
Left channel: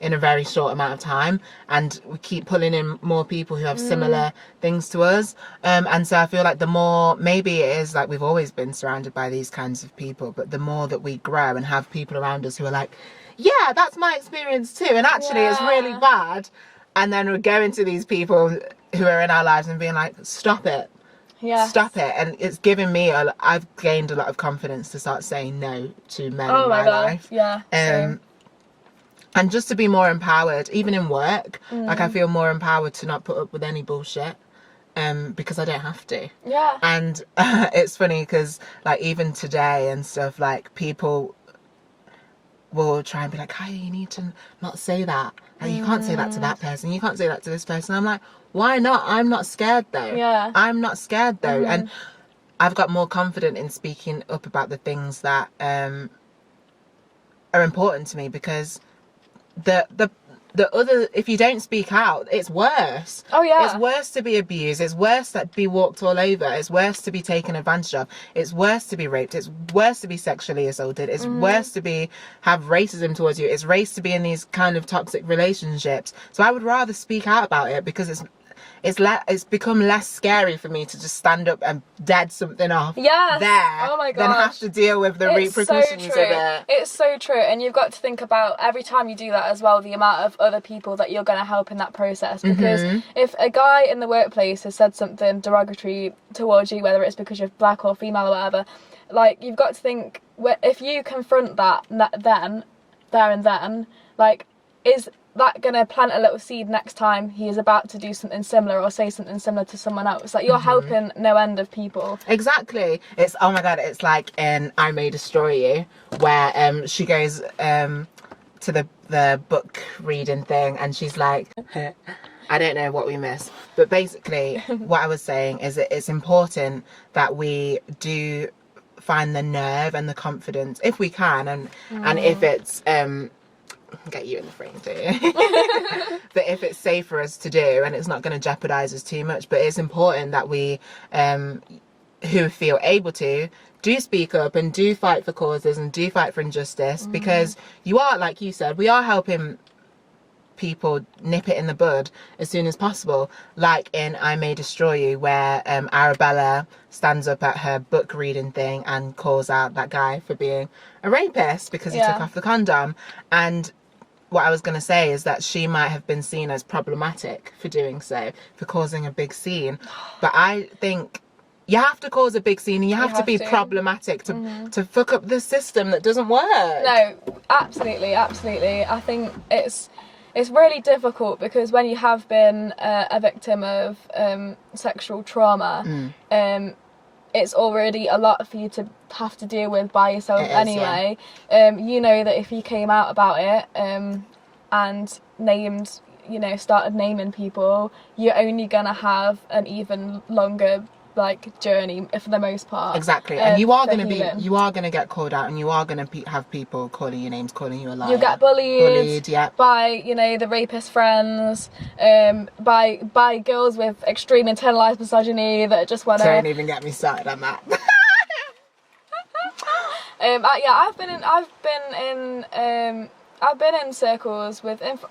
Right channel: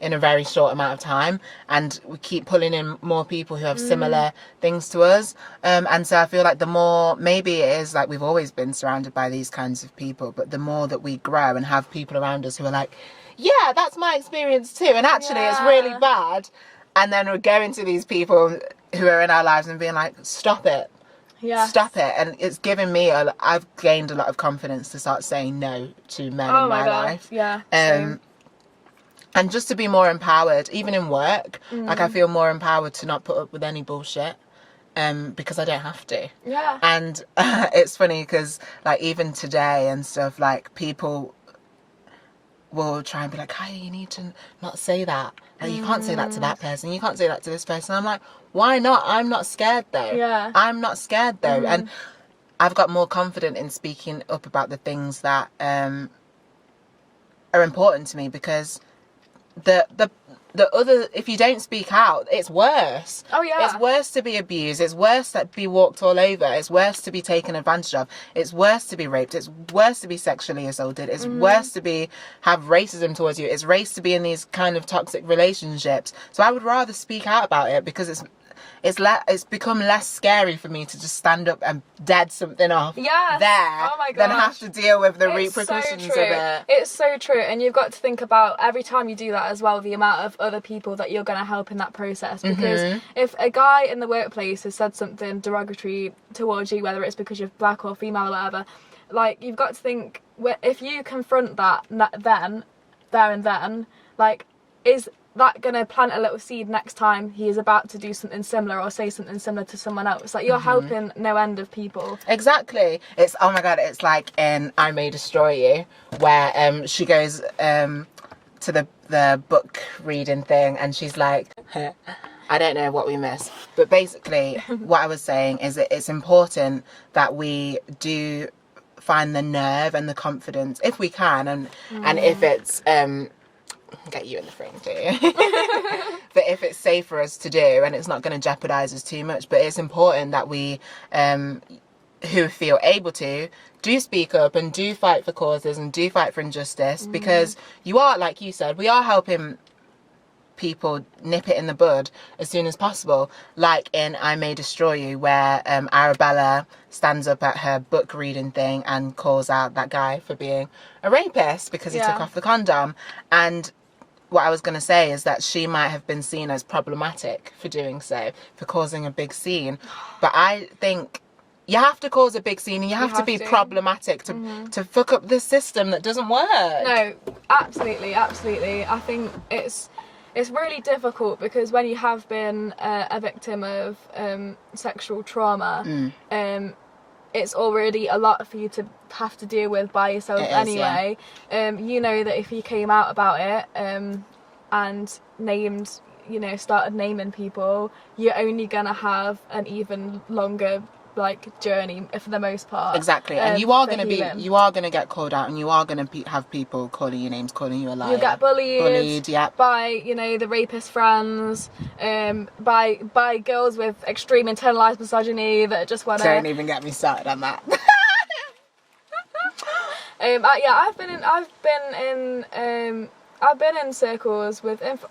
in a very short amount of time, and we keep pulling in more people who have similar things to us. And so I feel like the more, maybe it is like we've always been surrounded by these kinds of people, but the more that we grow and have people around us who are like, yeah, that's my experience too, and actually it's really bad, And then we're going to these people who are in our lives and being like, stop it. Yeah. Stop it. And it's given me, I've gained a lot of confidence to start saying no to men in my life. Yeah. Same. And just to be more empowered, even in work, like I feel more empowered to not put up with any bullshit. Because I don't have to. Yeah. And it's funny because, like, even today and stuff, like, people will try and be like, Kaya, you need to not say that. Like, you can't say that to that person. You can't say that to this person. I'm like, why not? I'm not scared, though. Yeah. I'm not scared, though. And I've got more confident in speaking up about the things that are important to me, because the other, if you don't speak out, it's worse. Oh yeah. It's worse to be abused. It's worse to be walked all over. It's worse to be taken advantage of. It's worse to be raped. It's worse to be sexually assaulted. It's worse to have racism towards you. It's worse to be in these kind of toxic relationships. So I would rather speak out about it, because it's become less scary for me to just stand up and dead something off there than have to deal with the repercussions of it. It's so true. And you've got to think about, every time you do that as well, the amount of other people that you're going to help in that process. Because if a guy in the workplace has said something derogatory towards you, whether it's because you're black or female or whatever, like, you've got to think, if you confront that there and then, like, is that gonna plant a little seed next time he is about to do something similar or say something similar to someone else? Like, you're helping no end of people. Exactly. It's, oh my god, it's like in I May Destroy You, where she goes to the book reading thing, and she's like, I don't know what we missed, but basically what I was saying is that it's important that we do find the nerve and the confidence, if we can, and if it's get you in the frame too. But if it's safe for us to do, and it's not going to jeopardize us too much, but it's important that we who feel able to do speak up and do fight for causes and do fight for injustice, because you are, like you said, we are helping people nip it in the bud as soon as possible, like in I May Destroy You, where Arabella stands up at her book reading thing and calls out that guy for being a rapist because he took off the condom. And what I was going to say is that she might have been seen as problematic for doing so, for causing a big scene, but I think you have to cause a big scene, and you have to be problematic to fuck up the system that doesn't work. No, absolutely. I think it's really difficult, because when you have been a victim of sexual trauma, it's already a lot for you to have to deal with by yourself anyway. You know that if you came out about it and named, started naming people, you're only gonna have an even longer journey for the most part. Exactly. And you are going to get called out, and you are going to have people calling you names, calling you a liar. You'll get bullied by, the rapist friends, by girls with extreme internalized misogyny that just want to... Don't even get me started on that. I've been in circles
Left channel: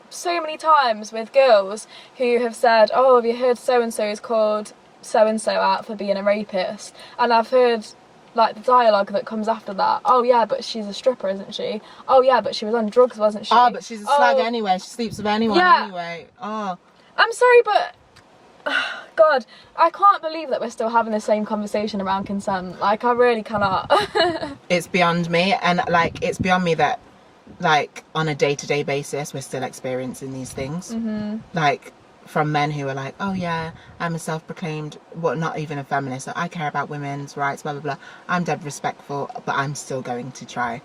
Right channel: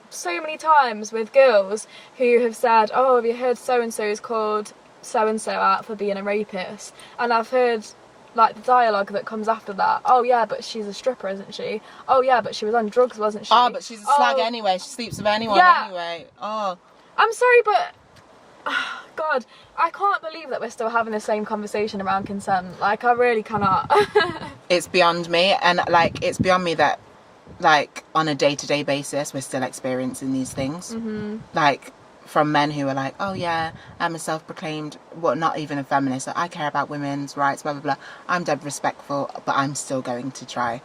so many times with girls who have said, oh, have you heard so-and-so is called so-and-so out for being a rapist? And I've heard the dialogue that comes after that. Oh yeah, but she's a stripper, isn't she? Oh yeah, but she was on drugs, wasn't she? Oh, but she's a slag anyway. She sleeps with anyone anyway. Oh, I'm sorry, but God, I can't believe that we're still having the same conversation around consent. I really cannot. It's beyond me, and it's beyond me that on a day-to-day basis we're still experiencing these things. From men who are like, oh yeah, I'm a self-proclaimed, not even a feminist, so I care about women's rights, blah blah blah. I'm dead respectful, but I'm still going to try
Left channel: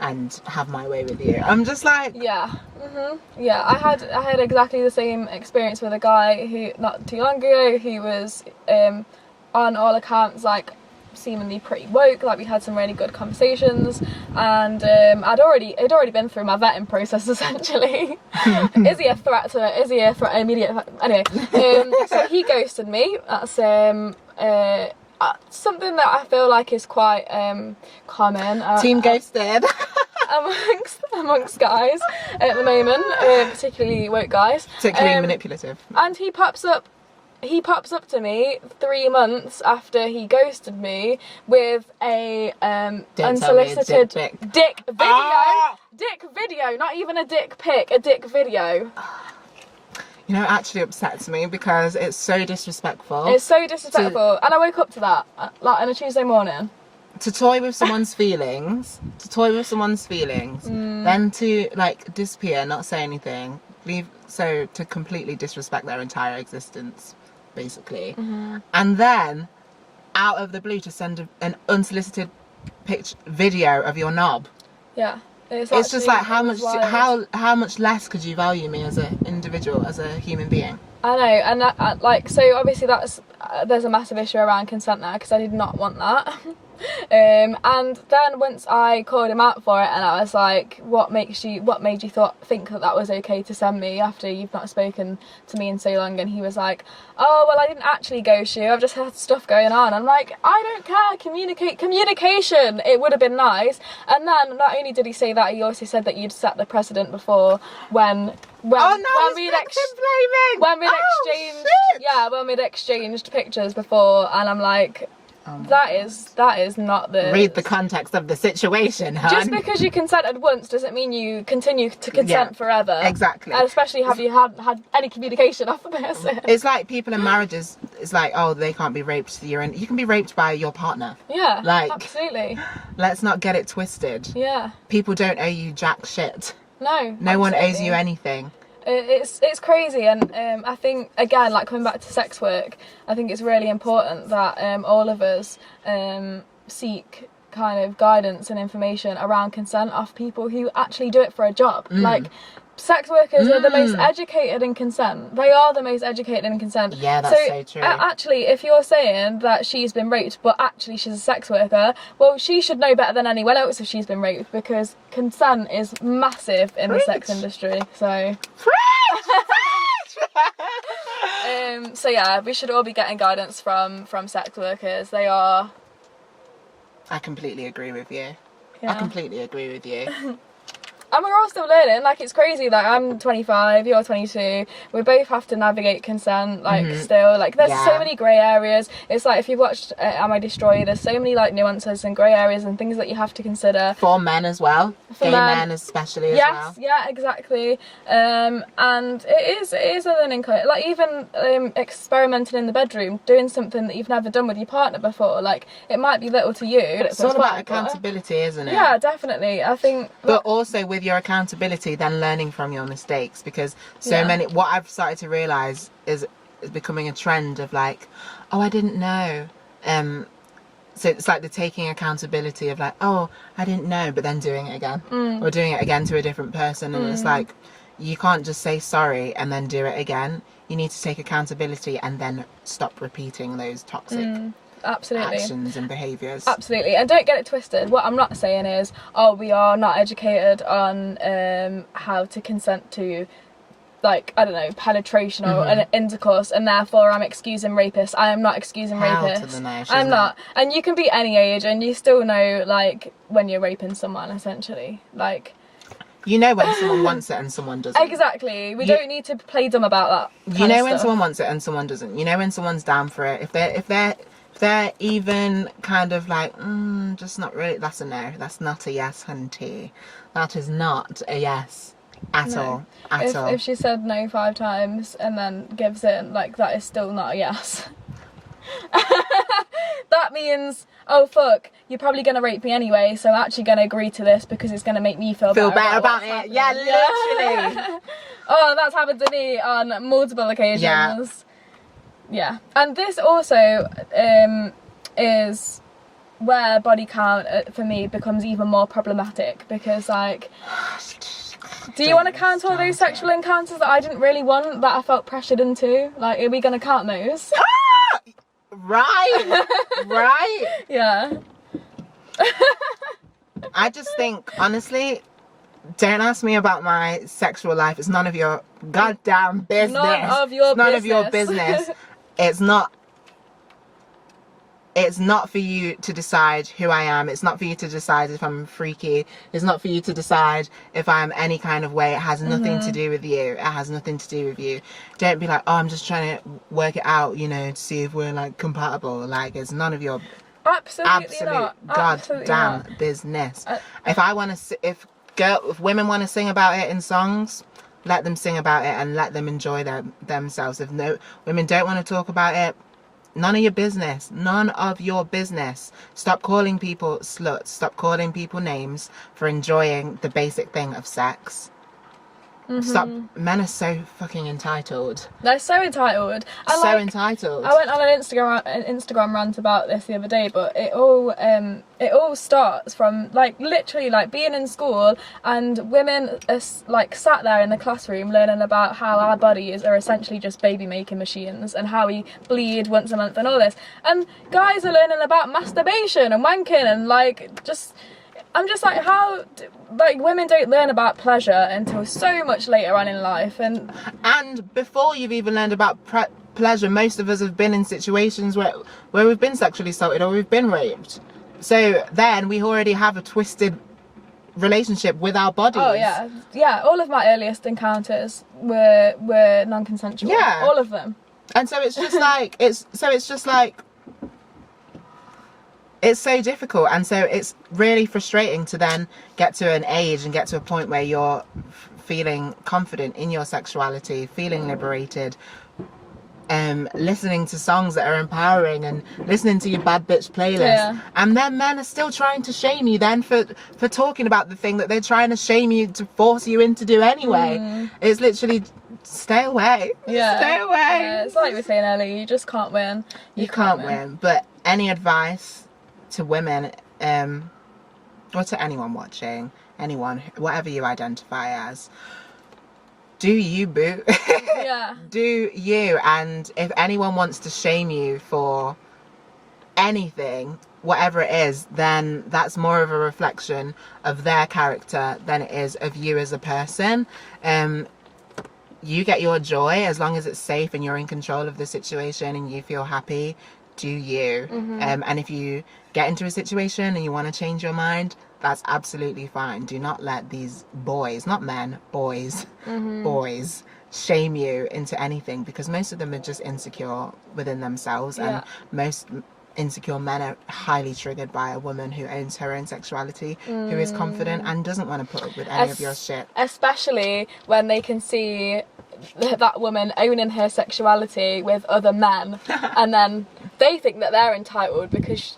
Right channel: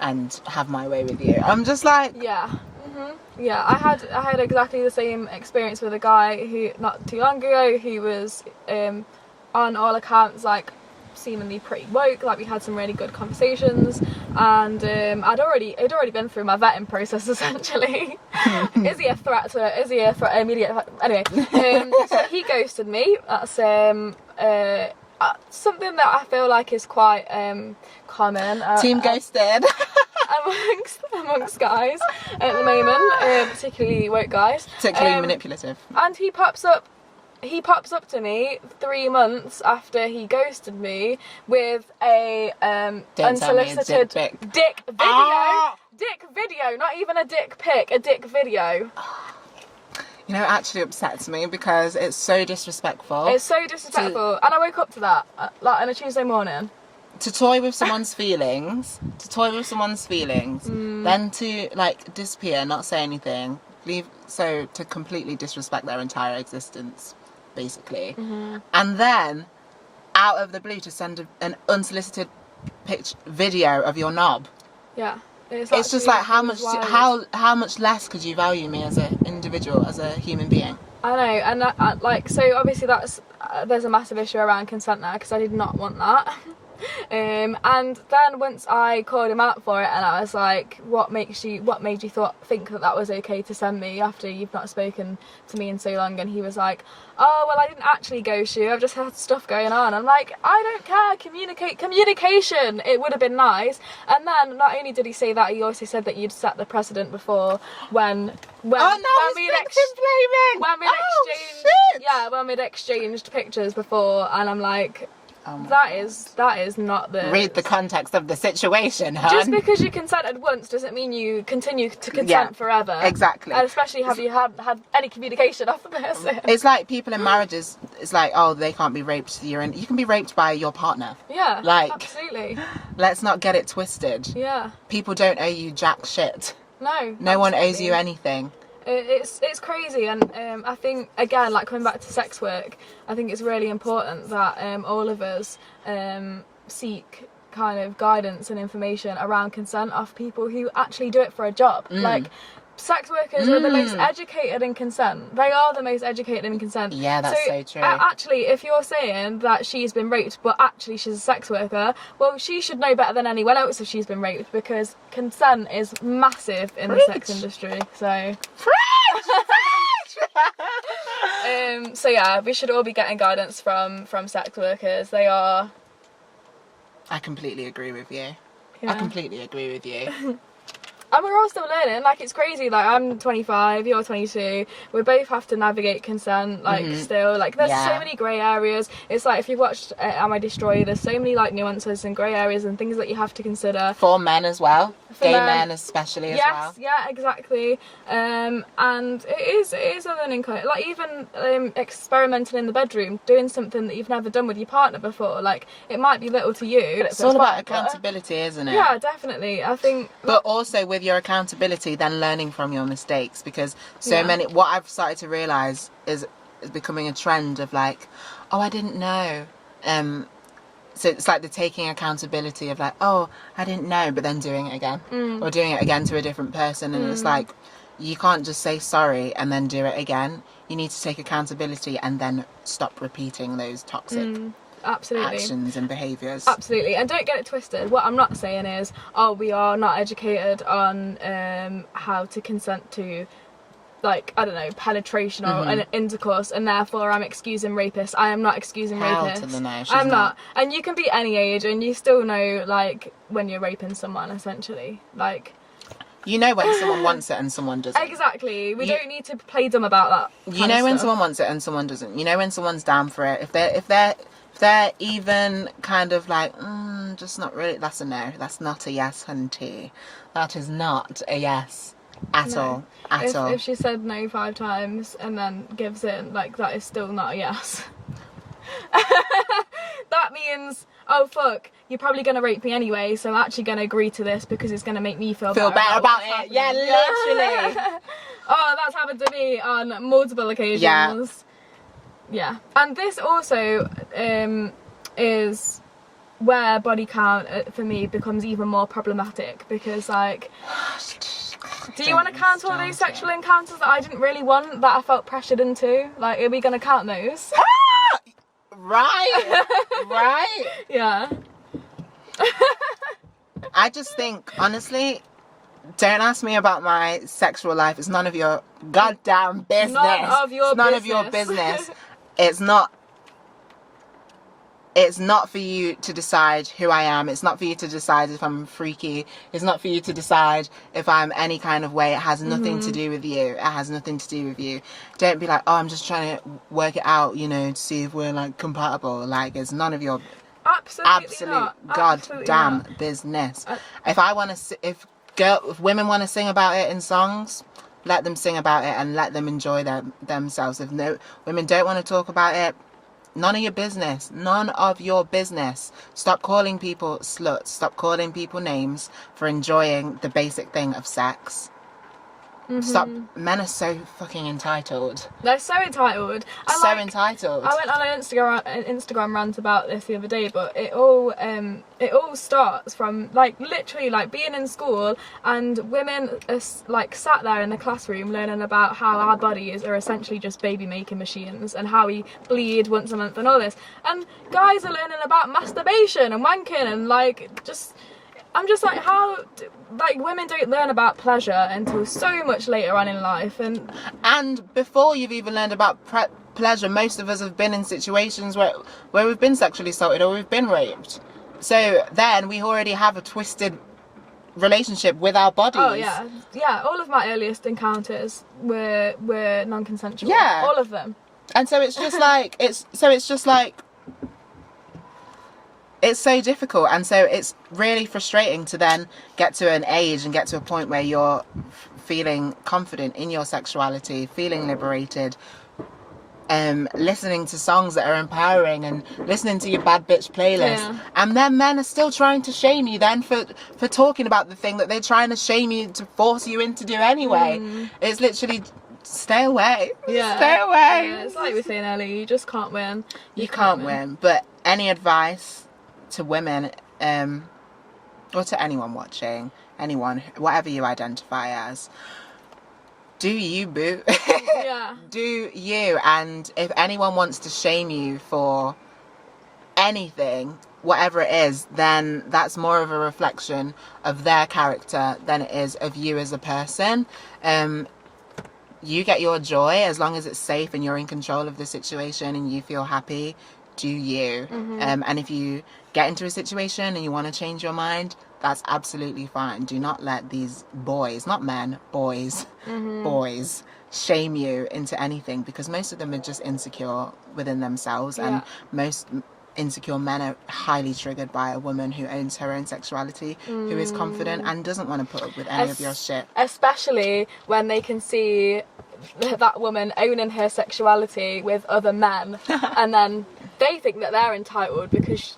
and have my way with you. I'm just like, yeah. I had exactly the same experience with a guy who, not too long ago, who was on all accounts seemingly pretty woke. We had some really good conversations, and I'd already been through my vetting process essentially. Is he a threat? Immediate threat? Anyway, so he ghosted me. That's something that I feel like is quite common. Team ghosted. amongst guys at the moment, particularly woke guys. Particularly manipulative. And he pops up to me 3 months after he ghosted me with a unsolicited dick video. Dick video, not even a dick pic, a dick video. You know, it actually upsets me because it's so disrespectful. It's so disrespectful. And I woke up to that, like, on a Tuesday morning. To toy with someone's feelings, then to, like, disappear, not say anything, to completely disrespect their entire existence, basically. And then, out of the blue, to send an unsolicited video of your knob. Yeah. It's just like, how much less could you value me as an individual, as a human being? I know, and like, so obviously there's a massive issue around consent there, because I did not want that. And then once I called him out for it, and I was like, what made you think that was okay to send me after you've not spoken to me in so long? And he was like, oh, well, I didn't actually ghost you, I've just had stuff going on. I'm like, I don't care, communication, it would have been nice. And then not only did he say that, he also said that you'd set the precedent before when we'd exchanged pictures before. And I'm like, that is not the... Read the context of the situation, hun. Just because you consented once doesn't mean you continue to consent forever. Exactly. And especially, have you had any communication off the person? It's like people in marriages, it's like, oh, they can't be raped. You can be raped by your partner. Yeah, like, absolutely. Let's not get it twisted. Yeah. People don't owe you jack shit. No one owes you anything. It's crazy, and I think, again, like, coming back to sex work, I think it's really important that all of us seek kind of guidance and information around consent off people who actually do it for a job. Like, sex workers are the most educated in consent. They are the most educated in consent. Yeah, that's so true. Actually, if you're saying that she's been raped, but actually she's a sex worker, well, she should know better than anyone else if she's been raped, because consent is massive in the sex industry. So... so yeah, we should all be getting guidance from sex workers. They are... I completely agree with you. Yeah. I completely agree with you. And we're all still learning. Like, it's crazy. Like, I'm 25, you're 22. We both have to navigate consent, like, still. Like, there's so many grey areas. It's like, if you've watched Am I Destroyed, there's so many, like, nuances and grey areas and things that you have to consider. For men as well. Gay men especially as well. Yeah, exactly. And it is a learning curve. Like, even experimenting in the bedroom, doing something that you've never done with your partner before. Like, it might be little to you. It's all about accountability, isn't it? Yeah, definitely. I think... But also with your accountability, then learning from your mistakes, because what I've started to realise is becoming a trend of, like, oh, I didn't know. So it's like the taking accountability of, like, oh, I didn't know, but then doing it again. Or doing it again to a different person. And it's like, you can't just say sorry and then do it again. You need to take accountability and then stop repeating those toxic actions and behaviours. Absolutely. And don't get it twisted. What I'm not saying is, oh, we are not educated on how to consent to, like, I don't know, penetration or an intercourse, and therefore I'm excusing rapists. I am not excusing rapists. I'm not. And you can be any age and you still know, like, when you're raping someone, essentially. Like, you know when someone wants it and someone doesn't. Exactly. We don't need to play dumb about that. You know when someone wants it and someone doesn't. You know when someone's down for it. If they're even kind of like, just not really, that's a no. That's not a yes, hunty. That is not a yes at all. If she said no 5 times and then gives in, like, that is still not a yes. That means, oh, fuck, you're probably going to rape me anyway, so I'm actually going to agree to this because it's going to make me feel better about it. Yeah, literally. Oh, that's happened to me on multiple occasions. Yeah. And this also is where body count for me becomes even more problematic, because, like, do you want to count all those sexual encounters that I didn't really want, that I felt pressured into? Like, are we going to count those? Right. Yeah. I just think, honestly, don't ask me about my sexual life. It's none of your goddamn business. None of your business. It's not for you to decide who I am. It's not for you to decide if I'm freaky. It's not for you to decide if I'm any kind of way. It has nothing to do with you. It has nothing to do with you. Don't be like, oh, I'm just trying to work it out, you know, to see if we're, like, compatible. Like, it's none of your absolute goddamn business. If women want to sing about it in songs, let them sing about it and let them enjoy themselves. If no women don't want to talk about it, none of your business. None of your business. Stop calling people sluts. Stop calling people names for enjoying the basic thing of sex. Stop. Men are so fucking entitled. They're so entitled. And so entitled. I went on an Instagram rant about this the other day, but it all starts from like literally like being in school and women are like sat there in the classroom learning about how our bodies are essentially just baby making machines and how we bleed once a month and all this, and guys are learning about masturbation and wanking and like just. I'm just like, how, like, women don't learn about pleasure until so much later on in life, and before you've even learned about pleasure, most of us have been in situations where we've been sexually assaulted or we've been raped. So then we already have a twisted relationship with our bodies. Oh yeah. All of my earliest encounters were non-consensual. Yeah, all of them. And so it's just like it's so difficult, and so it's really frustrating to then get to an age and get to a point where you're feeling confident in your sexuality, feeling liberated, listening to songs that are empowering and listening to your bad bitch playlist, and then men are still trying to shame you then for talking about the thing that they're trying to shame you to force you into do anyway. It's literally stay away. Stay away. Yeah, it's like we were saying earlier, you just can't win. You can't win. But any advice to women, or to anyone watching, anyone, whatever you identify as, do you, boo. Yeah. Do you. And if anyone wants to shame you for anything, whatever it is, then that's more of a reflection of their character than it is of you as a person. You get your joy as long as it's safe and you're in control of the situation and you feel happy. Do you. And if you get into a situation and you want to change your mind, that's absolutely fine. Do not let these boys, not men, boys, boys, shame you into anything, because most of them are just insecure within themselves, and most insecure men are highly triggered by a woman who owns her own sexuality, who is confident and doesn't want to put up with any of your shit. Especially when they can see that woman owning her sexuality with other men, and then they think that they're entitled because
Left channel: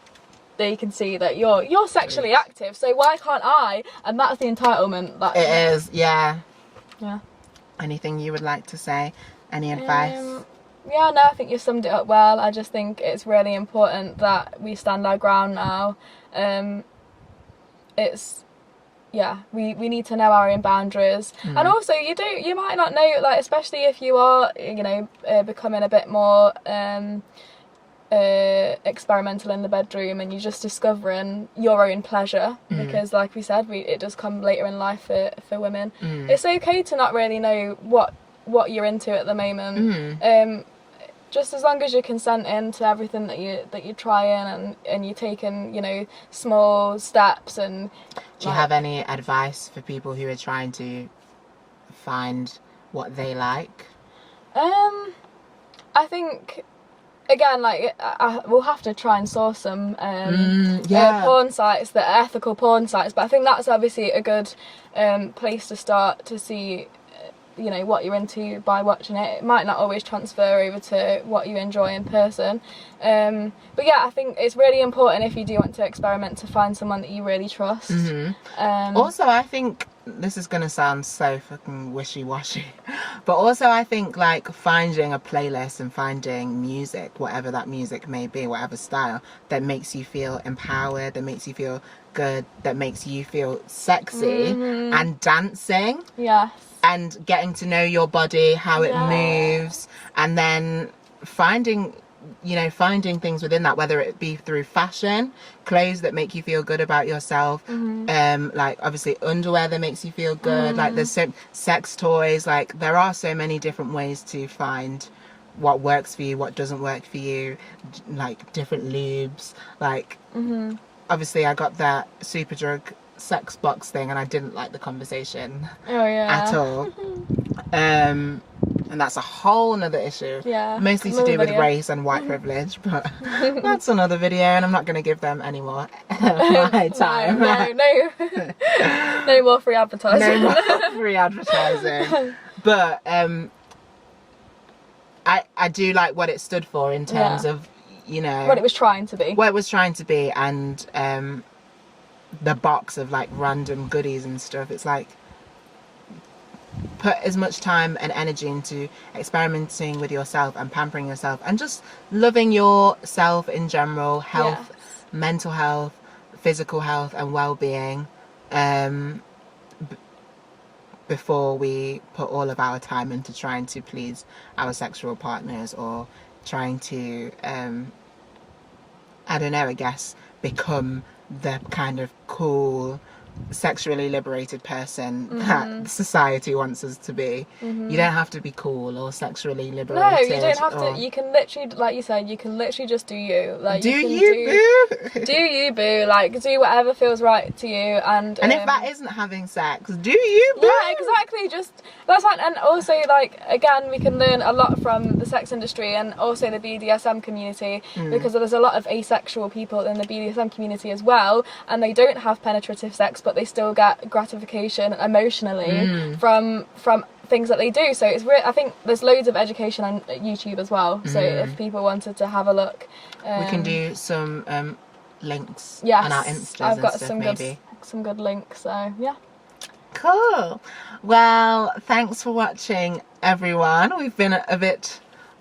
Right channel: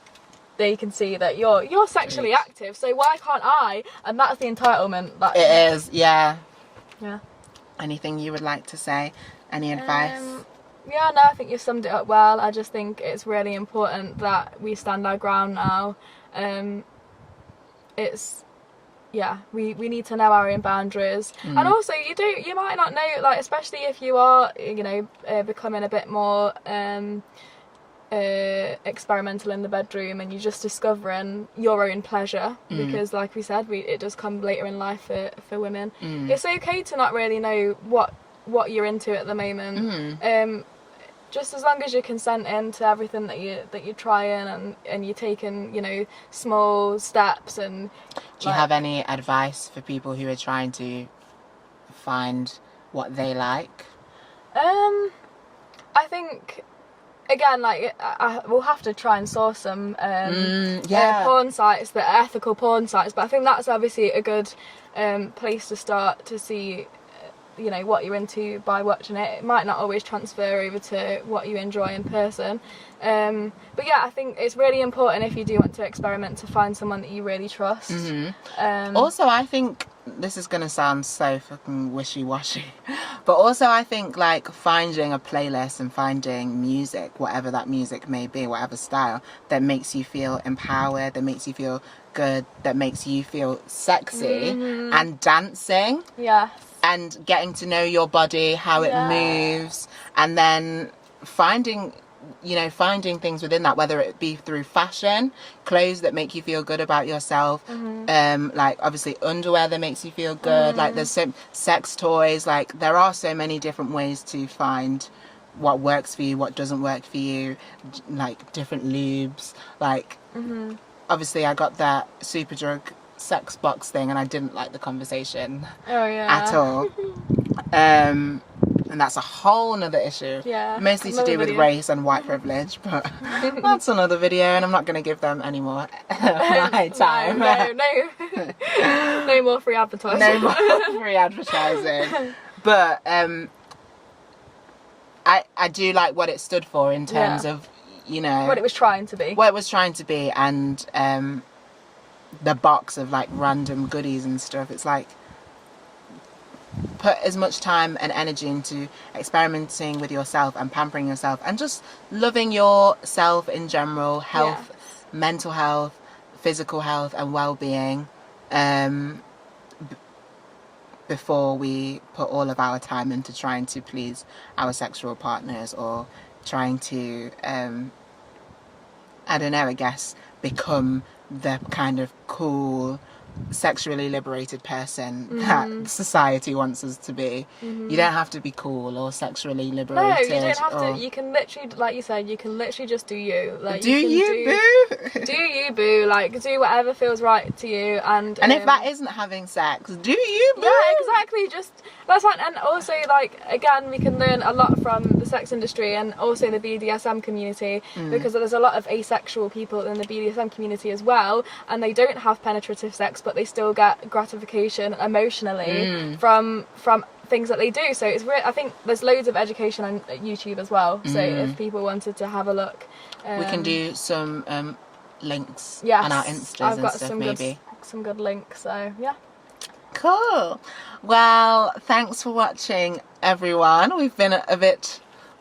they can see that you're sexually active, so why can't I? And that's the entitlement. That it is. Yeah. Yeah. Anything you would like to say? Any advice? Yeah, no, I think you summed it up well. I just think it's really important that we stand our ground now. We need to know our own boundaries, and also you might not know, like, especially if you are, becoming a bit more experimental in the bedroom and you're just discovering your own pleasure, because like we said, it does come later in life for women. It's okay to not really know what you're into at the moment. Just as long as you're consenting to everything that you're trying and you're taking, small steps. And do you have any advice for people who are trying to find what they like? I think, again, like, we'll have to try and source some porn sites that are ethical porn sites, but I think that's obviously a good place to start to see what you're into by watching it. It might not always transfer over to what you enjoy in person, but yeah, I think it's really important, if you do want to experiment, to find someone that you really trust. Also, I think this is gonna sound so fucking wishy-washy, but also I think, like, finding a playlist and finding music, whatever that music may be, whatever style, that makes you feel empowered, that makes you feel good, that makes you feel sexy, and dancing, and getting to know your body, how it moves, and then finding things within that, whether it be through fashion, clothes that make you feel good about yourself, like, obviously, underwear that makes you feel good, like, there's so sex toys, like, there are so many different ways to find what works for you, what doesn't work for you, like, different lubes, like, obviously, I got that Superdrug sex box thing and I didn't like the conversation at all. And that's a whole nother issue. Mostly to do with race and white privilege, but that's another video, and I'm not going to give them any more my time. No more free advertising. No more free advertising. But I do like what it stood for in terms of, you know, what it was trying to be. What it was trying to be, and the box of like random goodies and stuff. It's like, put as much time and energy into experimenting with yourself and pampering yourself and just loving yourself in general, health, mental health, physical health and well-being, before we put all of our time into trying to please our sexual partners or trying to I don't know, I guess become the kind of cool, sexually liberated person that society wants us to be. You don't have to be cool or sexually liberated. No, you don't have to. You can literally, like you said, you can literally just do you. Like, do you, boo? Do you, boo? Like, do whatever feels right to you. And if that isn't having sex, do you, boo? Yeah, exactly. Just that's fine. And also, like, again, we can learn a lot from the sex industry and also the BDSM community, because there's a lot of asexual people in the BDSM community as well, and they don't have penetrative sex, but they still get gratification emotionally from things that they do. So it's I think there's loads of education on YouTube as well. So if people wanted to have a look, we can do some links on our Instas. I've got stuff, some good links. So yeah. Cool. Well, thanks for watching, everyone. We've been a bit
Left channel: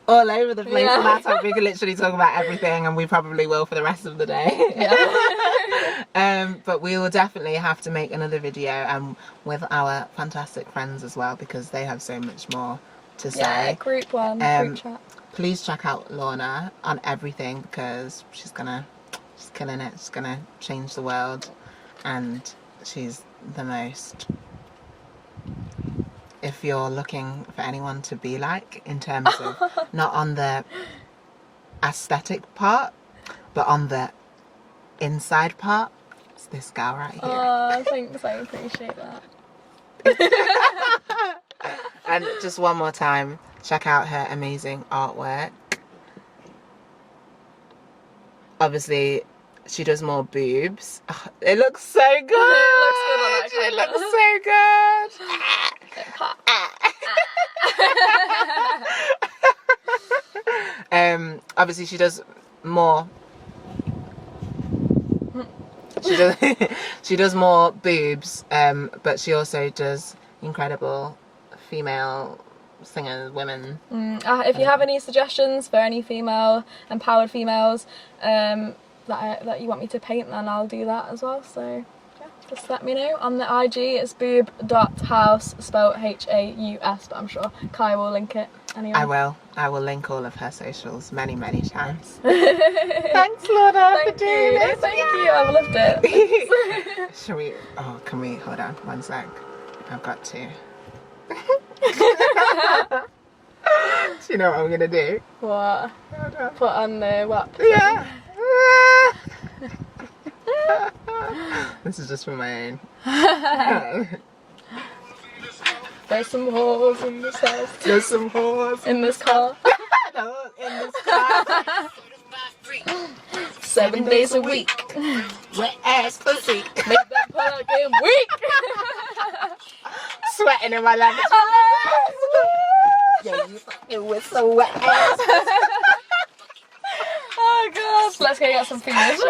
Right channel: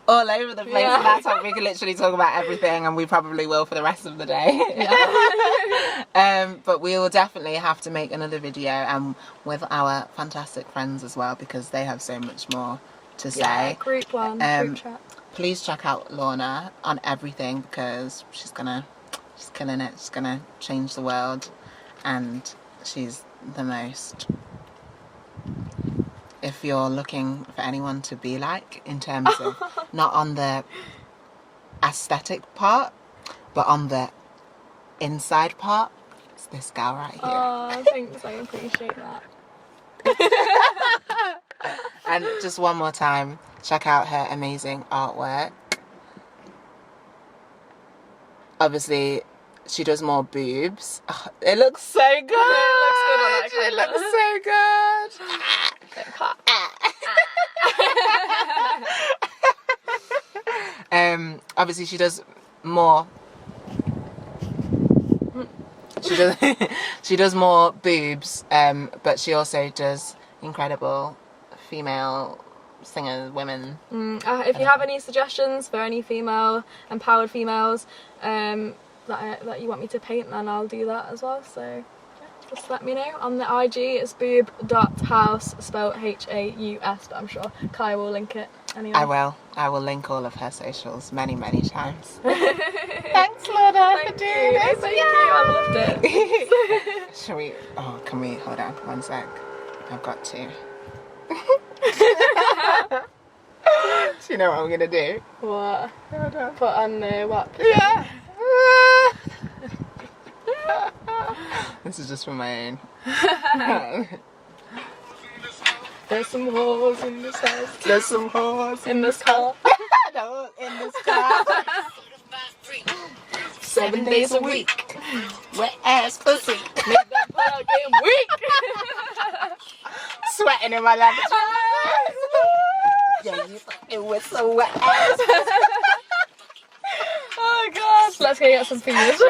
all over the place on that topic. We can literally talk about everything, and we probably will for the rest of the day. But we will definitely have to make another video with our fantastic friends as well, because they have so much more to say. Yeah, group one, group chat. Please check out Lorna on everything, because she's killing it. She's gonna change the world, and she's the most. If you're looking for anyone to be like, in terms of not on the aesthetic part, but on the inside part, it's this girl right here. Oh, thanks, I appreciate that. And just one more time, check out her amazing artwork. Obviously, she does more boobs. Oh, it looks so good. It looks so good. Obviously she does more. She does more boobs, but she also does incredible female singers, women. If you have any suggestions for any female empowered females that you want me to paint, then I'll do that as well. So yeah, just let me know. On the IG it's boob.house, spelled Haus, but I'm sure Kai will link it anyway. I will link all of her socials many times. Thanks, Lorna, for doing this. Thank you, I've loved it. Shall we? Oh, can we? Hold on, one sec. I've got to. Do you know what I'm gonna do? What? Hold on. Put on the WAP. Yeah. This is just for my own. There's some whores in this house. There's some whores in this car. No, in this car. 7 days a week. Wet ass pussy. Make that plug in weak. Sweating in my lavatory. Yeah, you fucking with some wet ass. Oh gosh. Let's go get some fingers.